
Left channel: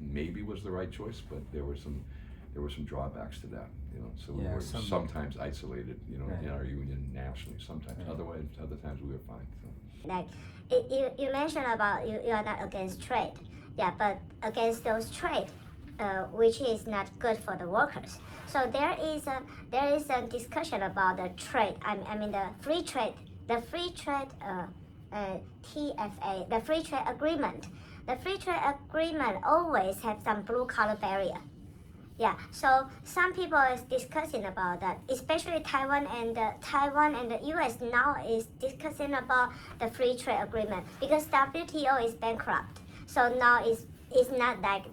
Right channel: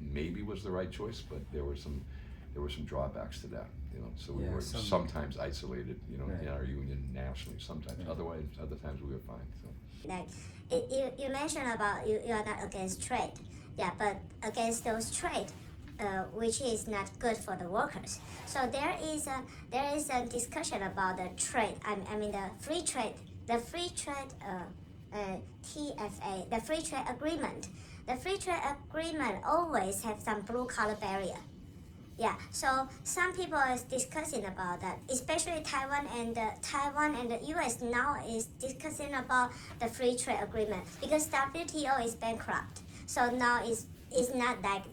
maybe was the right choice, but there were some drawbacks to that, you know, so we were sometimes isolated, you know, in our union nationally, sometimes, otherwise, other times we were fine, so. Like, you mentioned about you are not against trade, but against those trade, which is not good for the workers. So there is a discussion about the trade. I mean the free trade TFA, the free trade agreement. The free trade agreement always have some blue collar barrier. So some people is discussing about that, especially Taiwan and the US now is discussing about the free trade agreement because WTO is bankrupt. So now it's not like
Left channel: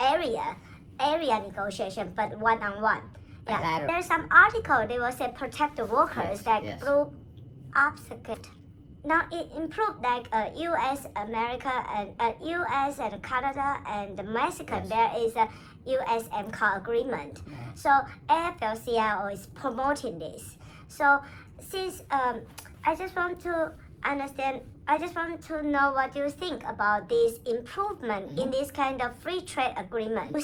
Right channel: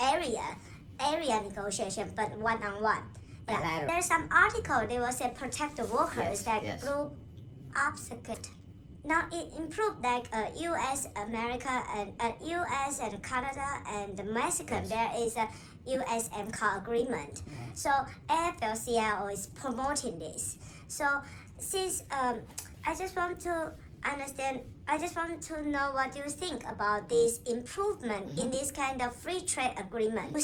area negotiation, but one-on-one. There's some article they will say protect the workers blue obstacle. Now it improved like U.S., America, and U.S. and Canada and Mexico. There is a USMCA agreement. So AFL-CIO is promoting this. So since I just want to know what you think about this improvement in this kind of free trade agreement.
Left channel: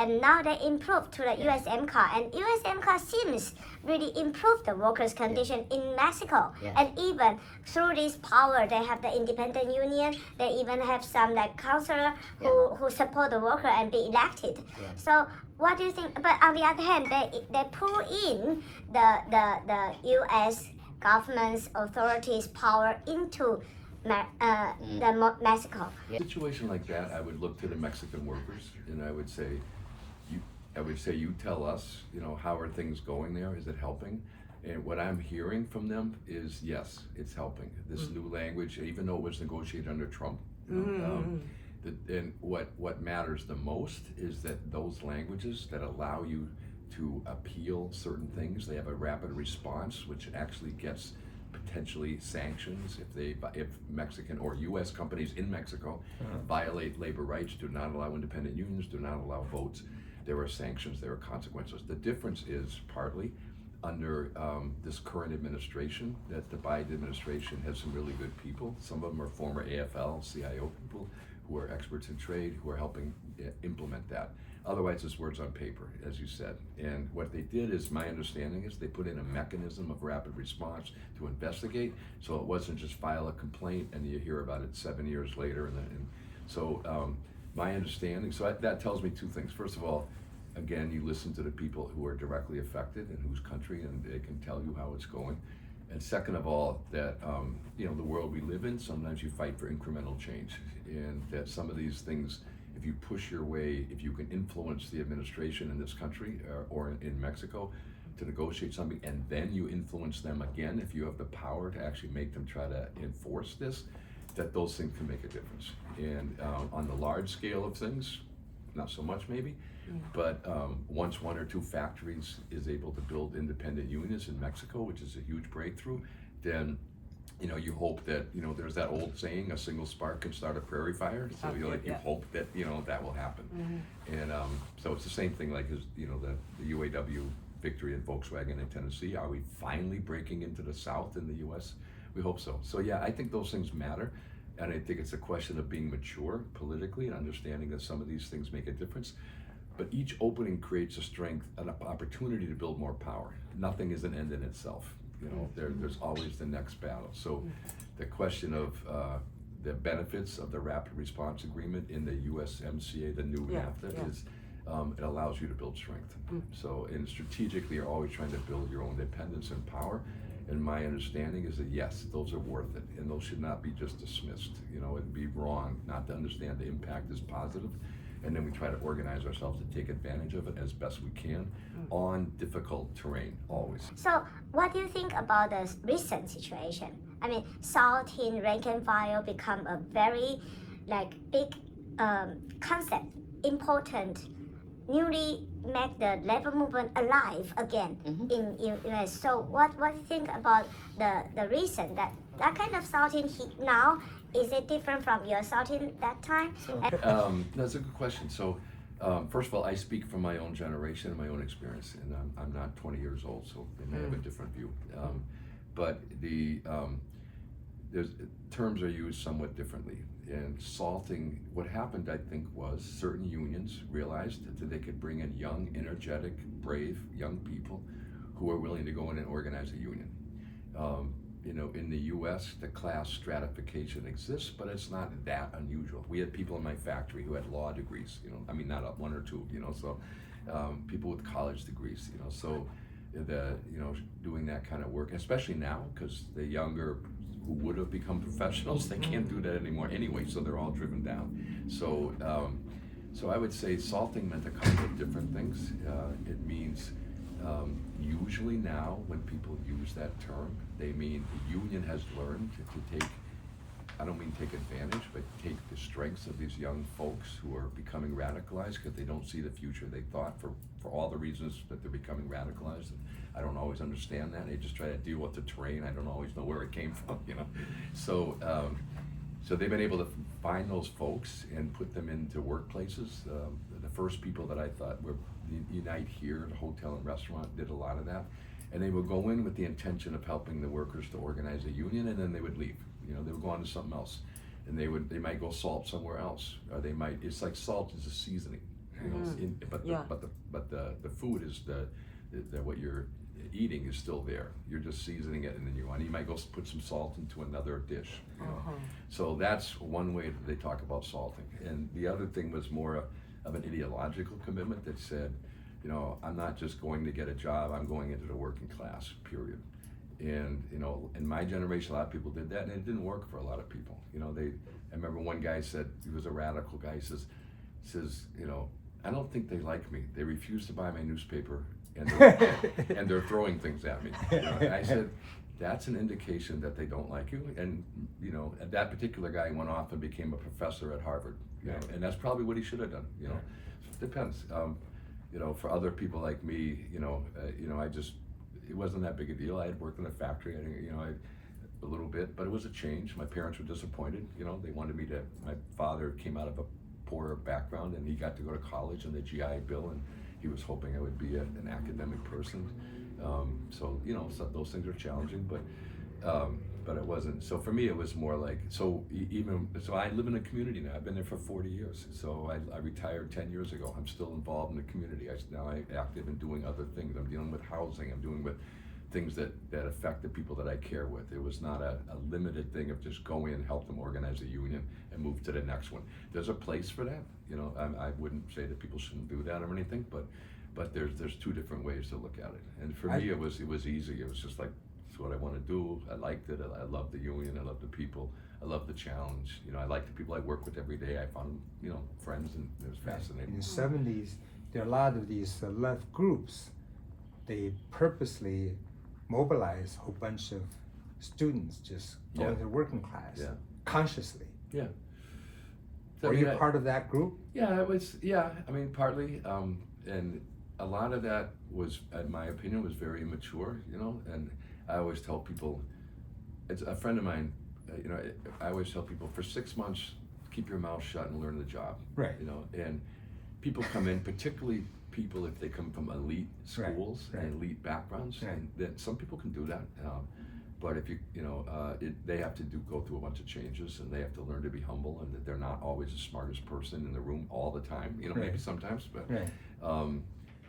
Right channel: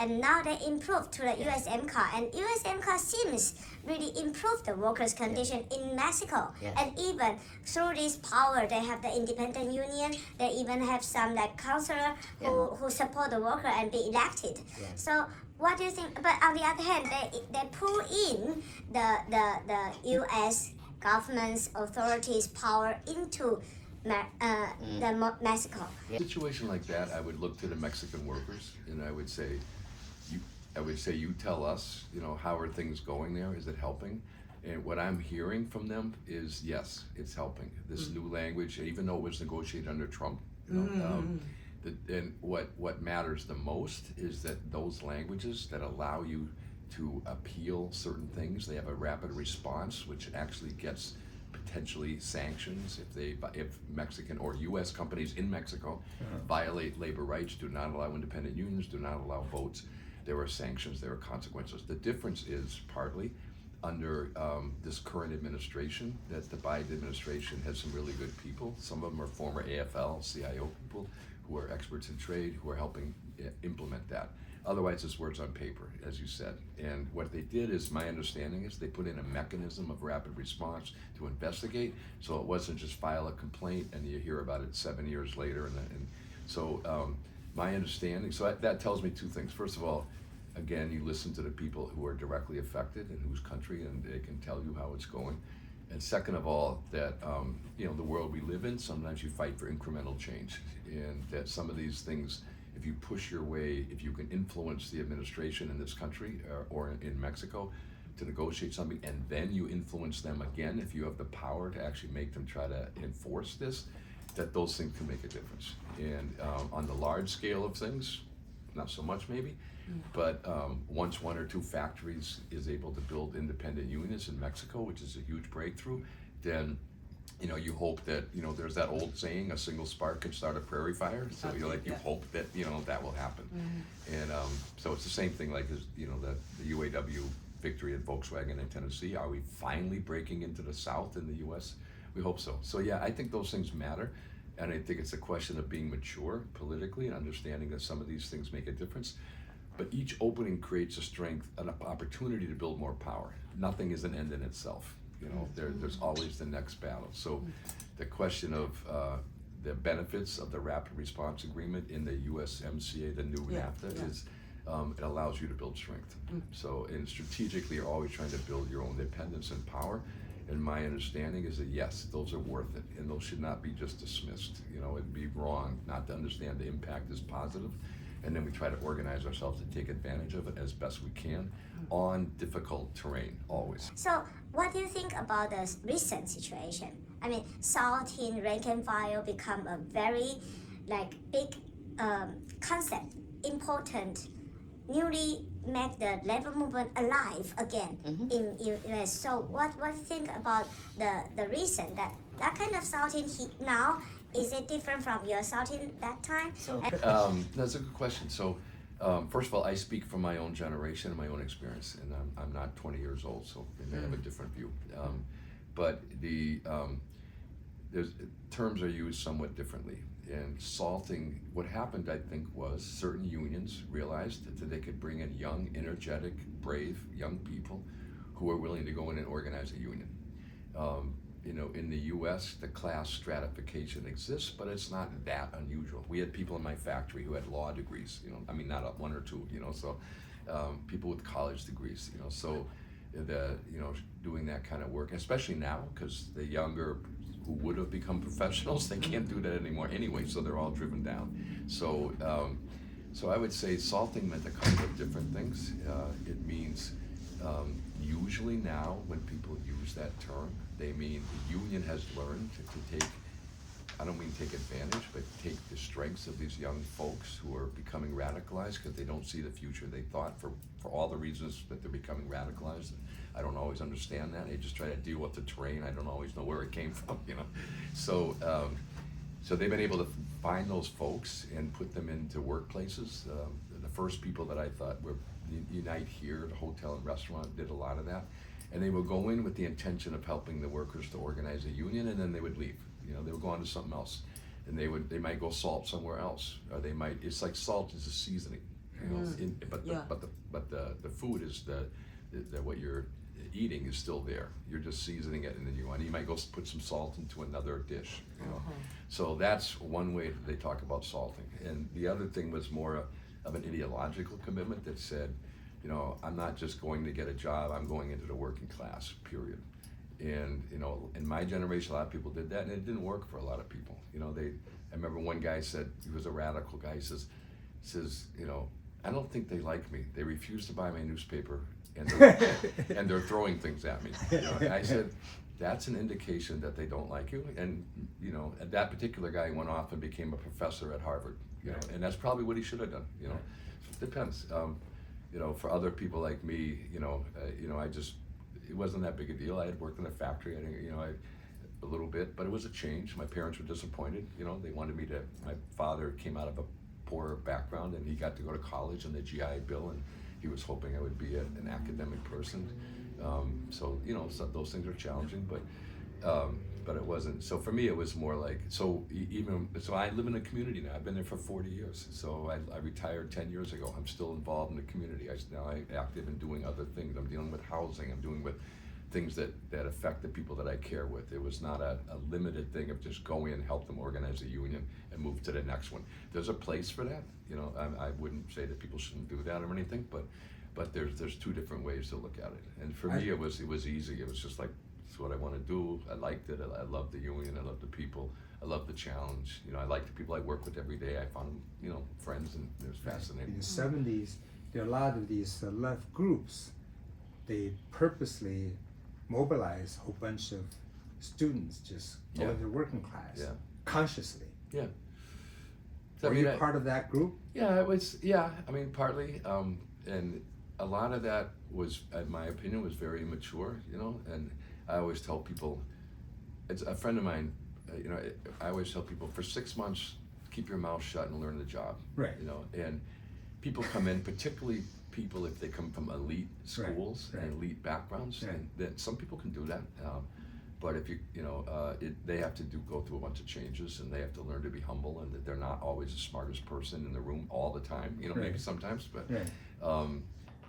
And now they improved to the USMCA, and USMCA seems really improve the workers' condition in Mexico. And even through this power, they have the independent union. They even have some like councillor who support the worker and be elected. So what do you think? But on the other hand, they pull in the U.S. government's authorities' power into Mexico. A situation like that, I would look to the Mexican workers and I would say, you tell us, you know, how are things going there? Is it helping? And what I'm hearing from them is yes, it's helping. This new language, even though it was negotiated under Trump, you know, and what matters the most is that those languages that allow you to appeal certain things, they have a rapid response, which actually gets potentially sanctions if Mexican or U.S. companies in Mexico violate labor rights, do not allow independent unions, do not allow votes. There are sanctions, there are consequences. The difference is partly under this current administration that the Biden administration has some really good people. Some of them are former AFL-CIO people who are experts in trade, who are helping implement that. Otherwise, it's words on paper, as you said. And what they did is, my understanding is, they put in a mechanism of rapid response to investigate. So it wasn't just file a complaint and you hear about it 7 years later. My understanding, so that tells me two things. First of all, again, you listen to the people who are directly affected and whose country, and they can tell you how it's going. And second of all, that you know, the world we live in, sometimes you fight for incremental change, and that some of these things if you push your way, if you can influence the administration in this country or in Mexico to negotiate something, and then you influence them again, if you have the power to actually make them try to enforce this, that those things can make a difference. And on the large scale of things, not so much maybe, but once one or two factories is able to build independent unions in Mexico, which is a huge breakthrough, then you hope that, there's that old saying, a single spark can start a prairie fire. So you hope that, that will happen. And so it's the same thing like as, the UAW victory at Volkswagen in Tennessee. Are we finally breaking into the South in the US? We hope so. So yeah, I think those things matter. And I think it's a question of being mature politically and understanding that some of these things make a difference. But each opening creates a strength, an opportunity to build more power. Nothing is an end in itself. There's always the next battle. So the question of the benefits of the Rapid Response Agreement in the USMCA, the new NAFTA, is it allows you to build strength. So, and strategically, you're always trying to build your own independence and power. And my understanding is that yes, those are worth it, and those should not be just dismissed. It'd be wrong not to understand the impact is positive, and then we try to organize ourselves to take advantage of it as best we can on difficult terrain, always. So, what do you think about the recent situation? I mean, salting rank and file become a very big concept, important, newly make the labor movement alive again in US. So what do you think about the reason that kind of salting now, is it different from your salting that time? That's a good question. So first of all, I speak from my own generation and my own experience, and I'm not 20 years old, so they may have a different view. But there's terms are used somewhat differently. And salting, what happened, I think, was certain unions realized that they could bring in young, energetic, brave young people who are willing to go in and organize a union. In the US, the class stratification exists, but it's not that unusual. We had people in my factory who had law degrees, not one or two, so people with college degrees, so doing that kind of work, especially now, because the younger who would have become professionals, they can't do that anymore anyway, so they're all driven down. So I would say salting meant a couple of different things. It means usually now when people use that term, they mean the union has learned to take, I don't mean take advantage, but take the strengths of these young folks who are becoming radicalized because they don't see the future they thought for all the reasons that they're becoming radicalized. I don't always understand that. They just try to deal with the terrain. I don't always know where it came from, So they've been able to find those folks and put them into workplaces. The first people that I thought were Unite Here, the hotel and restaurant, did a lot of that. And they would go in with the intention of helping the workers to organize a union, and then they would leave. They would go on to something else, and they might go salt somewhere else, or they might. It's like salt is a seasoning, but the food is the what you're eating is still there. You're just seasoning it, and then you might go put some salt into another dish. So that's one way that they talk about salting. And the other thing was more of an ideological commitment that said, I'm not just going to get a job. I'm going into the working class. Period. And in my generation, a lot of people did that, and it didn't work for a lot of people. I remember one guy said, he was a radical guy. He says, I don't think they like me. They refuse to buy my newspaper, and they're throwing things at me. I said, that's an indication that they don't like you. And that particular guy went off and became a professor at Harvard. And that's probably what he should have done. It depends. For other people like me, it wasn't that big a deal. I had worked in a factory, a little bit, but it was a change. My parents were disappointed. They wanted me to. My father came out of a poor background, and he got to go to college on the GI Bill, and he was hoping I would be an academic person. So those things are challenging, but it wasn't. So for me, it was more like, so I live in a community now. I've been there for 40 years. So I retired 10 years ago. I'm still involved in the community. Now I'm active in doing other things. I'm dealing with housing. I'm dealing with things that affect the people that I care with. It was not a limited thing of just go in, help them organize a union, and move to the next one. There's a place for that. I wouldn't say that people shouldn't do that or anything, but there's two different ways to look at it. And for me, it was easy. It was just like It's what I want to do. I liked it. I love the union. I love the people. I love the challenge. You know, I like the people I work with every day. I found, you know, friends, and it was In fascinating. the 70s, there are a lot of these left groups. They purposely mobilize a whole bunch of students just going Yeah. to the working class Yeah. consciously. Yeah. Are you part of that group? Yeah, it was. Yeah, I mean, partly, and a lot of that was, in my opinion, was very immature. You know, and I always tell people, it's a friend of mine. You know, I always tell people for 6 months, keep your mouth shut and learn the job. Right. You know, and people come in, particularly people if they come from elite Right, schools right. and elite backgrounds, Right. and that some people can do that. But if they have to go through a bunch of changes, and they have to learn to be humble, and that they're not always the smartest person in the room all the time. You know, maybe Right. sometimes, but Right.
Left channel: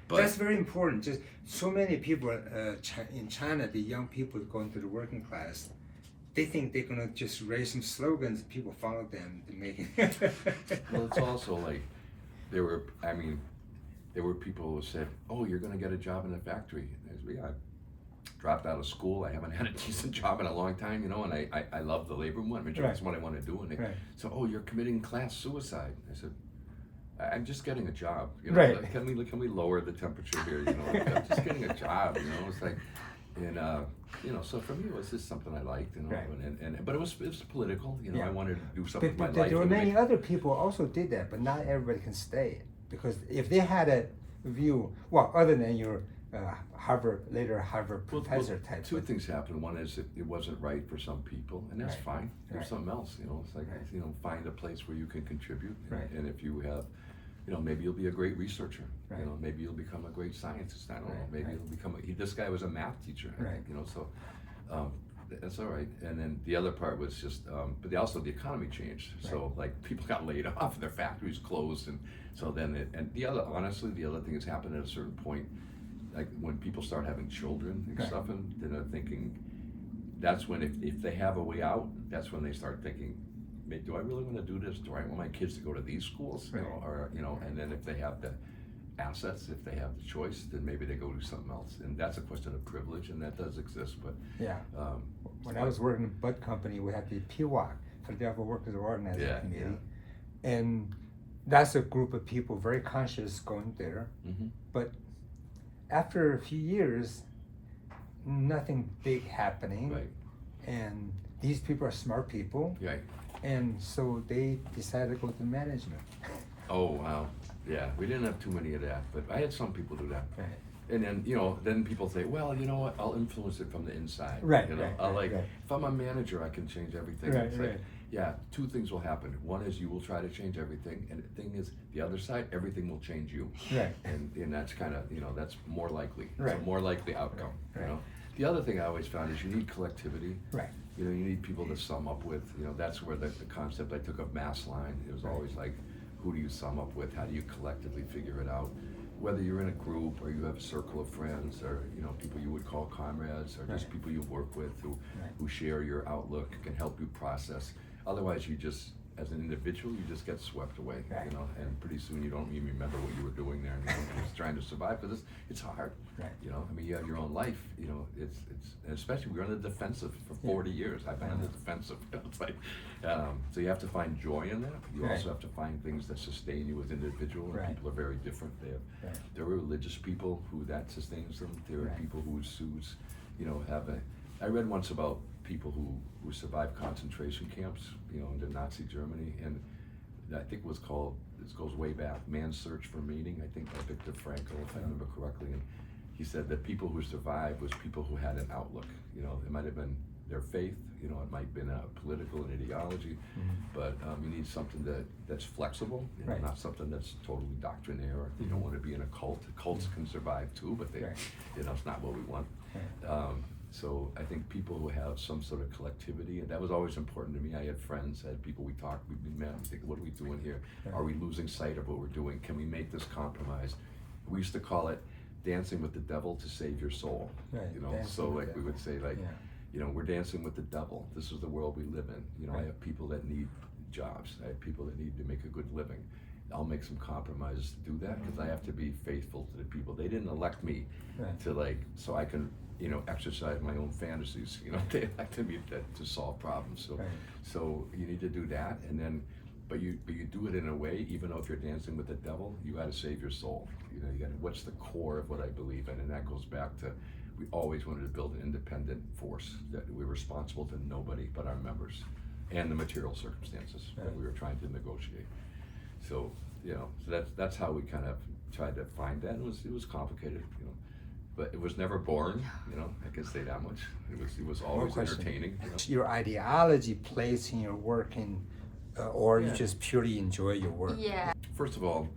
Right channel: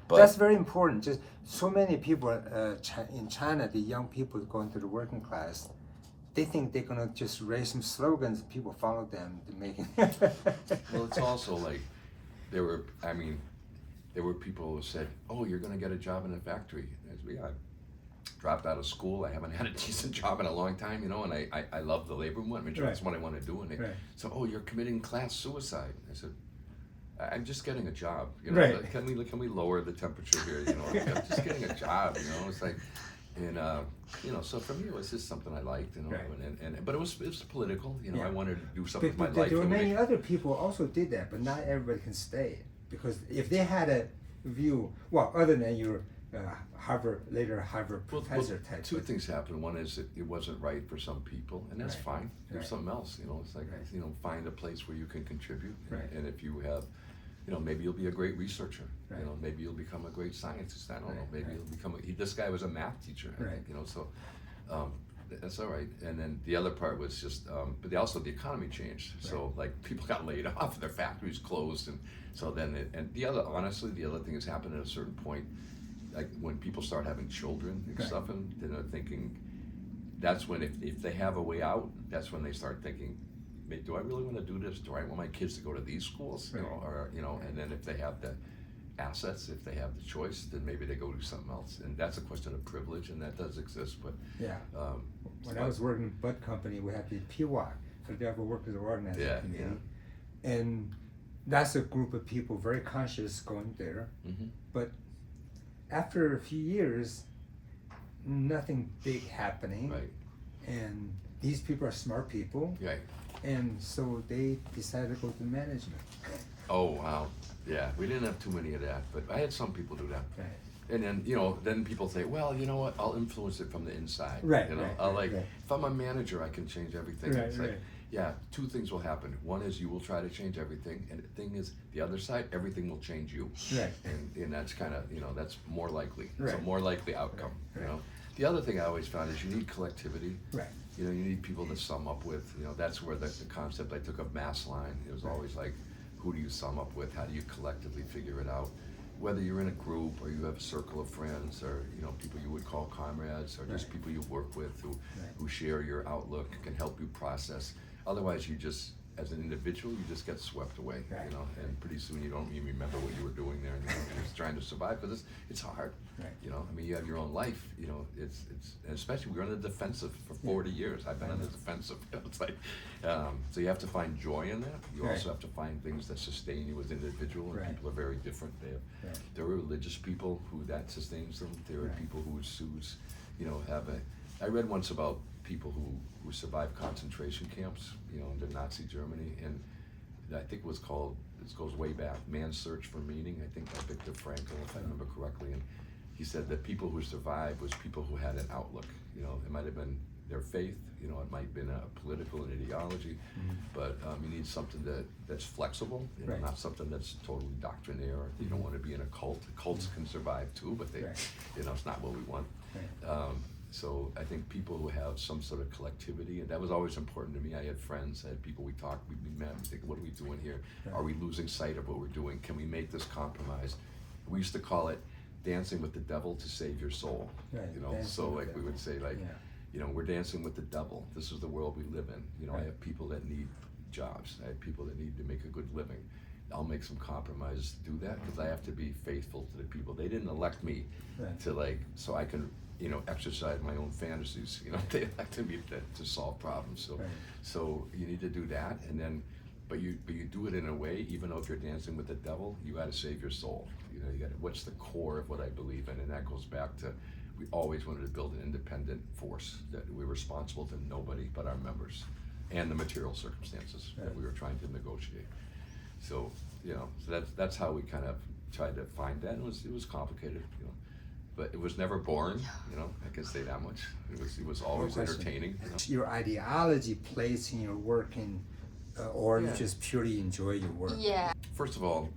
but That's very important. Just so many people in China, the young people going to the working class, they think they're gonna just raise some slogans. People follow them to make it. well, it's also like there were people who said, "Oh, you're going to get a job in a factory." I said, "Yeah, I dropped out of school. I haven't had a decent job in a long time, you know, and I love the labor movement. I mean, that's what I want to do." And they Right. said, "Oh, you're committing class suicide." I said, "I'm just getting a job. You know, Right. Can we lower the temperature here? You know, I'm just getting a job. You know, it's like, and you know, so for me, it was just something I liked. You know, Right. and but it was political. You know, Yeah. I wanted to do something with my But life. there were that would many make- other people also did that, but not everybody can stay. Because if they had a view, well, other than your later Harvard Well, professor type. two but- things happened. One is it wasn't right for some people, and that's Right. fine. There's Right. something else, you know. It's like, Right. you know, find a place where you can contribute, Right. and if you have, you know, maybe you'll be a great researcher. Right. You know, maybe you'll become a great scientist. I don't know. Right. Maybe Right. you'll become. This guy was a math teacher, I Right. think. You know, so that's all right. And then the other part was just, but also the economy changed. So like people got laid off, their factories closed, and so then honestly, the other thing has happened at a certain point. Like when people start having children and Right. stuff, and then they're thinking, that's when if they have a way out, that's when they start thinking, do I really want to do this? Do I want my kids to go to these schools? You know, or you know, and then if they have the assets, if they have the choice, then maybe they go do something else. And that's a question of privilege, and that does exist. But Yeah. When I was working at Bud Company, we had the PWOC, Philadelphia Workers Organizing Yeah, Committee. And that's a group of people very conscious going there. Mhm. But after a few years, nothing big happening. Right. And these people are smart people. Right. And so they decided to go to management. Oh wow. Yeah, we didn't have too many of that, but I had some people do that. Right. And then, you know, then people say, well, you know what, I'll influence it from the inside. Right, You know, right, I'll right, like, right. if I'm a manager, I can change everything. Right, It's like, right. yeah, two things will happen. One is you will try to change everything, and the thing is, the other side, everything will change you. Right. And that's kind of, you know, that's more likely. It's a Right. more likely outcome, Right. you know. The other thing I always found is you need collectivity. Right. You know, you need people to sum up with. You know, that's where the concept I took of mass line. It was always like, who do you sum up with? How do you collectively figure it out? Whether you're in a group or you have a circle of friends, or you know, people you would call comrades, or just Right. people you work with Right. who share your outlook, can help you process. Otherwise, you just, as an individual, you just get swept away. Right. You know, and pretty soon you don't even remember what you were doing there. You know, you're just trying to survive because it's hard. Right. You know, I mean, you have your own life. You know, it's and especially we're on the defensive for 40 years. I've been on the defensive. You know, it's like, so you have to find joy in that. You Right. also have to find things that sustain you as an individual. And Right. people are very different. Right. There are religious people who that sustains them. There are Right. people who's you know, I read once about people who survived concentration camps, you know, under Nazi Germany, and I think it was called, this goes way back, Man's Search for Meaning, I think by Viktor Frankl, if I remember correctly, and he said that people who survived was people who had an outlook. You know, it might have been their faith, you know, it might have been a political and ideology, but you need something that's flexible, you know, Right. not something that's totally doctrinaire. You don't want to be in a cult. Cults can survive too, but they, Right. you know, it's not what we want. So I think people who have some sort of collectivity, and that was always important to me. I had friends, I had people we talked, we met, we think, what are we doing here? Are we losing sight of what we're doing? Can we make this compromise? We used to call it dancing with the devil to save your soul. Right, You know, dancing so with like the we would say like, Yeah. you know, we're dancing with the devil. This is the world we live in. You know, I Right. have people that need jobs. I have people that need to make a good living. I'll make some compromises to do that because I have to be faithful to the people. They didn't elect me Right. to like, so I can, you know, exercise my own fantasies. You know, they elected me to solve problems. So, Right. so you need to do that, and then, but you do it in a way, even though if you're dancing with the devil, you got to save your soul. You know, you got to, what's the core of what I believe in, and that goes back to, we always wanted to build an independent force that we're responsible to nobody but our members, and the material circumstances that we were trying to negotiate. So, you know, so that's how we kind of tried to find that. It was complicated, you know, but it was never boring, you know, I can say that much. It was always No question. entertaining, you know. Your ideology plays in your work, or you Yeah. just purely enjoy your work. Yeah. First of all,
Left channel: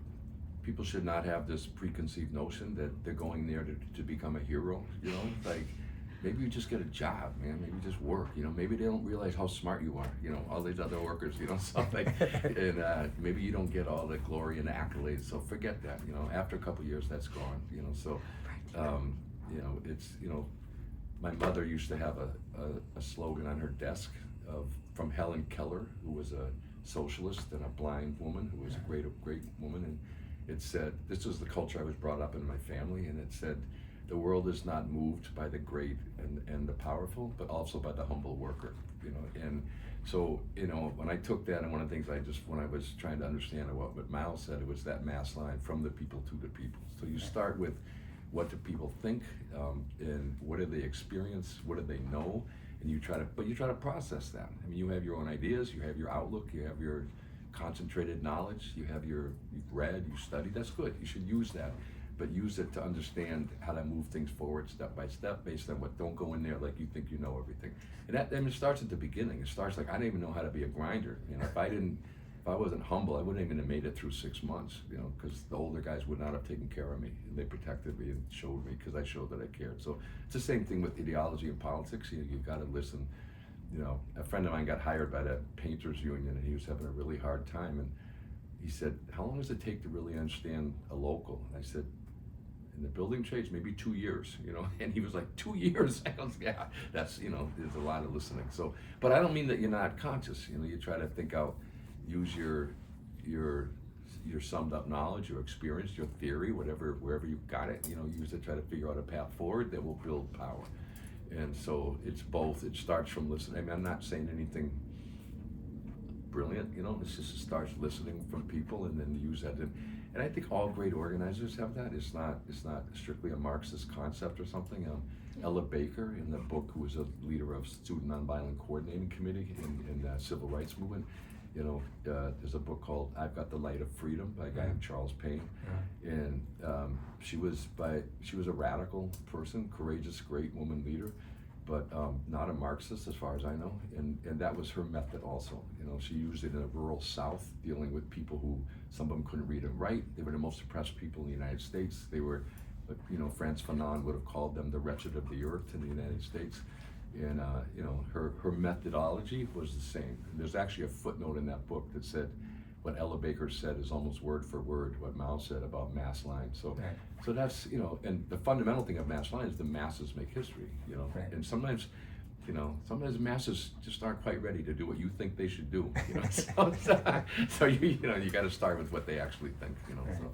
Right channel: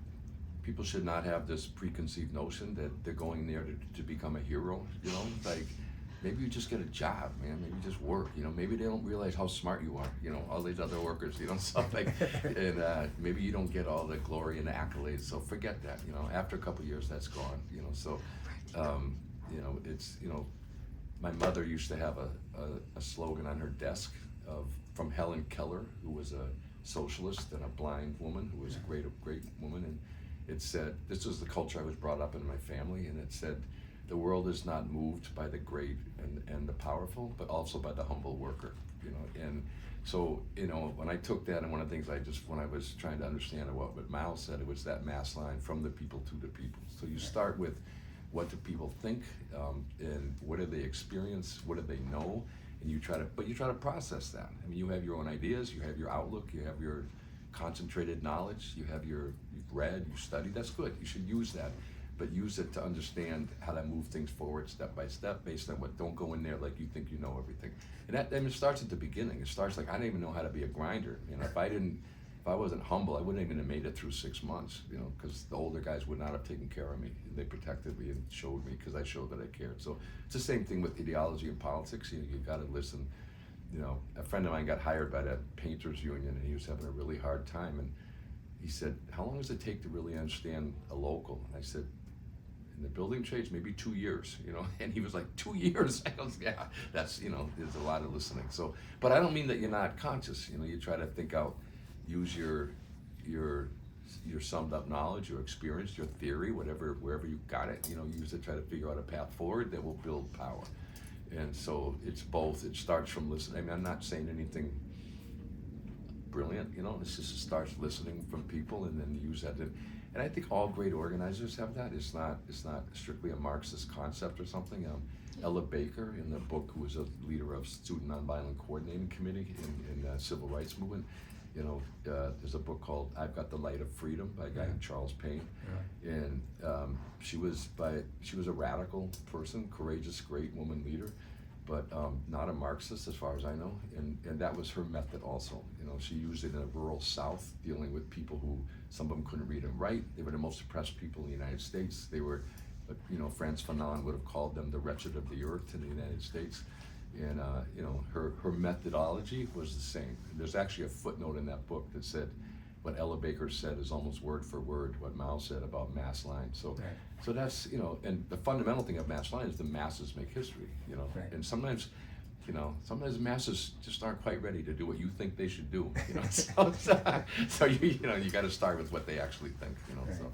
people should not have this preconceived notion that they're going there to become a hero, you know, like, maybe you just get a job, man. Maybe you just work. You know, maybe they don't realize how smart you are. You know, all these other workers. You know, something. And maybe you don't get all the glory and the accolades. So forget that. You know, after a couple of years, that's gone. You know, so you know, it's, you know, my mother used to have a slogan on her desk from Helen Keller, who was a socialist and a blind woman who was a great woman, and it said, this was the culture I was brought up in my family, and it said, the world is not moved by the great and the powerful, but also by the humble worker, you know. And so, you know, when I took that, and one of the things when I was trying to understand what Mao said, it was that mass line, from the people to the people. So you start with, what do people think, and what do they experience, what do they know, and you try to process that. I mean, you have your own ideas, you have your outlook, you have your concentrated knowledge, you've read, you studied, that's good, you should use that. But use it to understand how to move things forward step by step based on what, don't go in there like you think you know everything. And that, I mean, it starts at the beginning. It starts like, I didn't even know how to be a grinder. You know, if I wasn't humble, I wouldn't even have made it through 6 months, you know, because the older guys would not have taken care of me. They protected me and showed me, because I showed that I cared. So it's the same thing with ideology and politics. You got to listen. You know, a friend of mine got hired by the painters union, and he was having a really hard time. And he said, how long does it take to really understand a local? And I said, in the building trades, maybe 2 years, you know. And he was like, 2 years? I goes, yeah, that's, you know, there's a lot of listening. So, but I don't mean that you're not conscious, you know. You try to think out, use your summed up knowledge, your experience, your theory, wherever you got it, you know, use it, try to figure out a path forward that will build power. And so it's both. It starts from listening. I mean, I'm not saying anything brilliant, you know. It's just, it starts listening from people, and then use that. And I think all great organizers have that. It's not strictly a Marxist concept or something. Ella Baker, in the book, who was a leader of Student Nonviolent Coordinating Committee in the Civil Rights Movement, you know, there's a book called I've Got the Light of Freedom by a guy named Charles Payne. And she was a radical person, courageous, great woman leader, but not a Marxist as far as I know. And that was her method also. You know, she used it in a rural South, dealing with people who, some of them couldn't read and write. They were the most oppressed people in the United States. They were, you know, Frantz Fanon would have called them the wretched of the earth in the United States. And you know, her methodology was the same. And there's actually a footnote in that book that said, what Ella Baker said is almost word for word what Mao said about mass line. So, Right. so that's, you know, and the fundamental thing of mass line is the masses make history, you know. Right. And sometimes, you know, sometimes masses just aren't quite ready to do what you think they should do, you know. So you know, you got to start with what they actually think, you know. Right. So.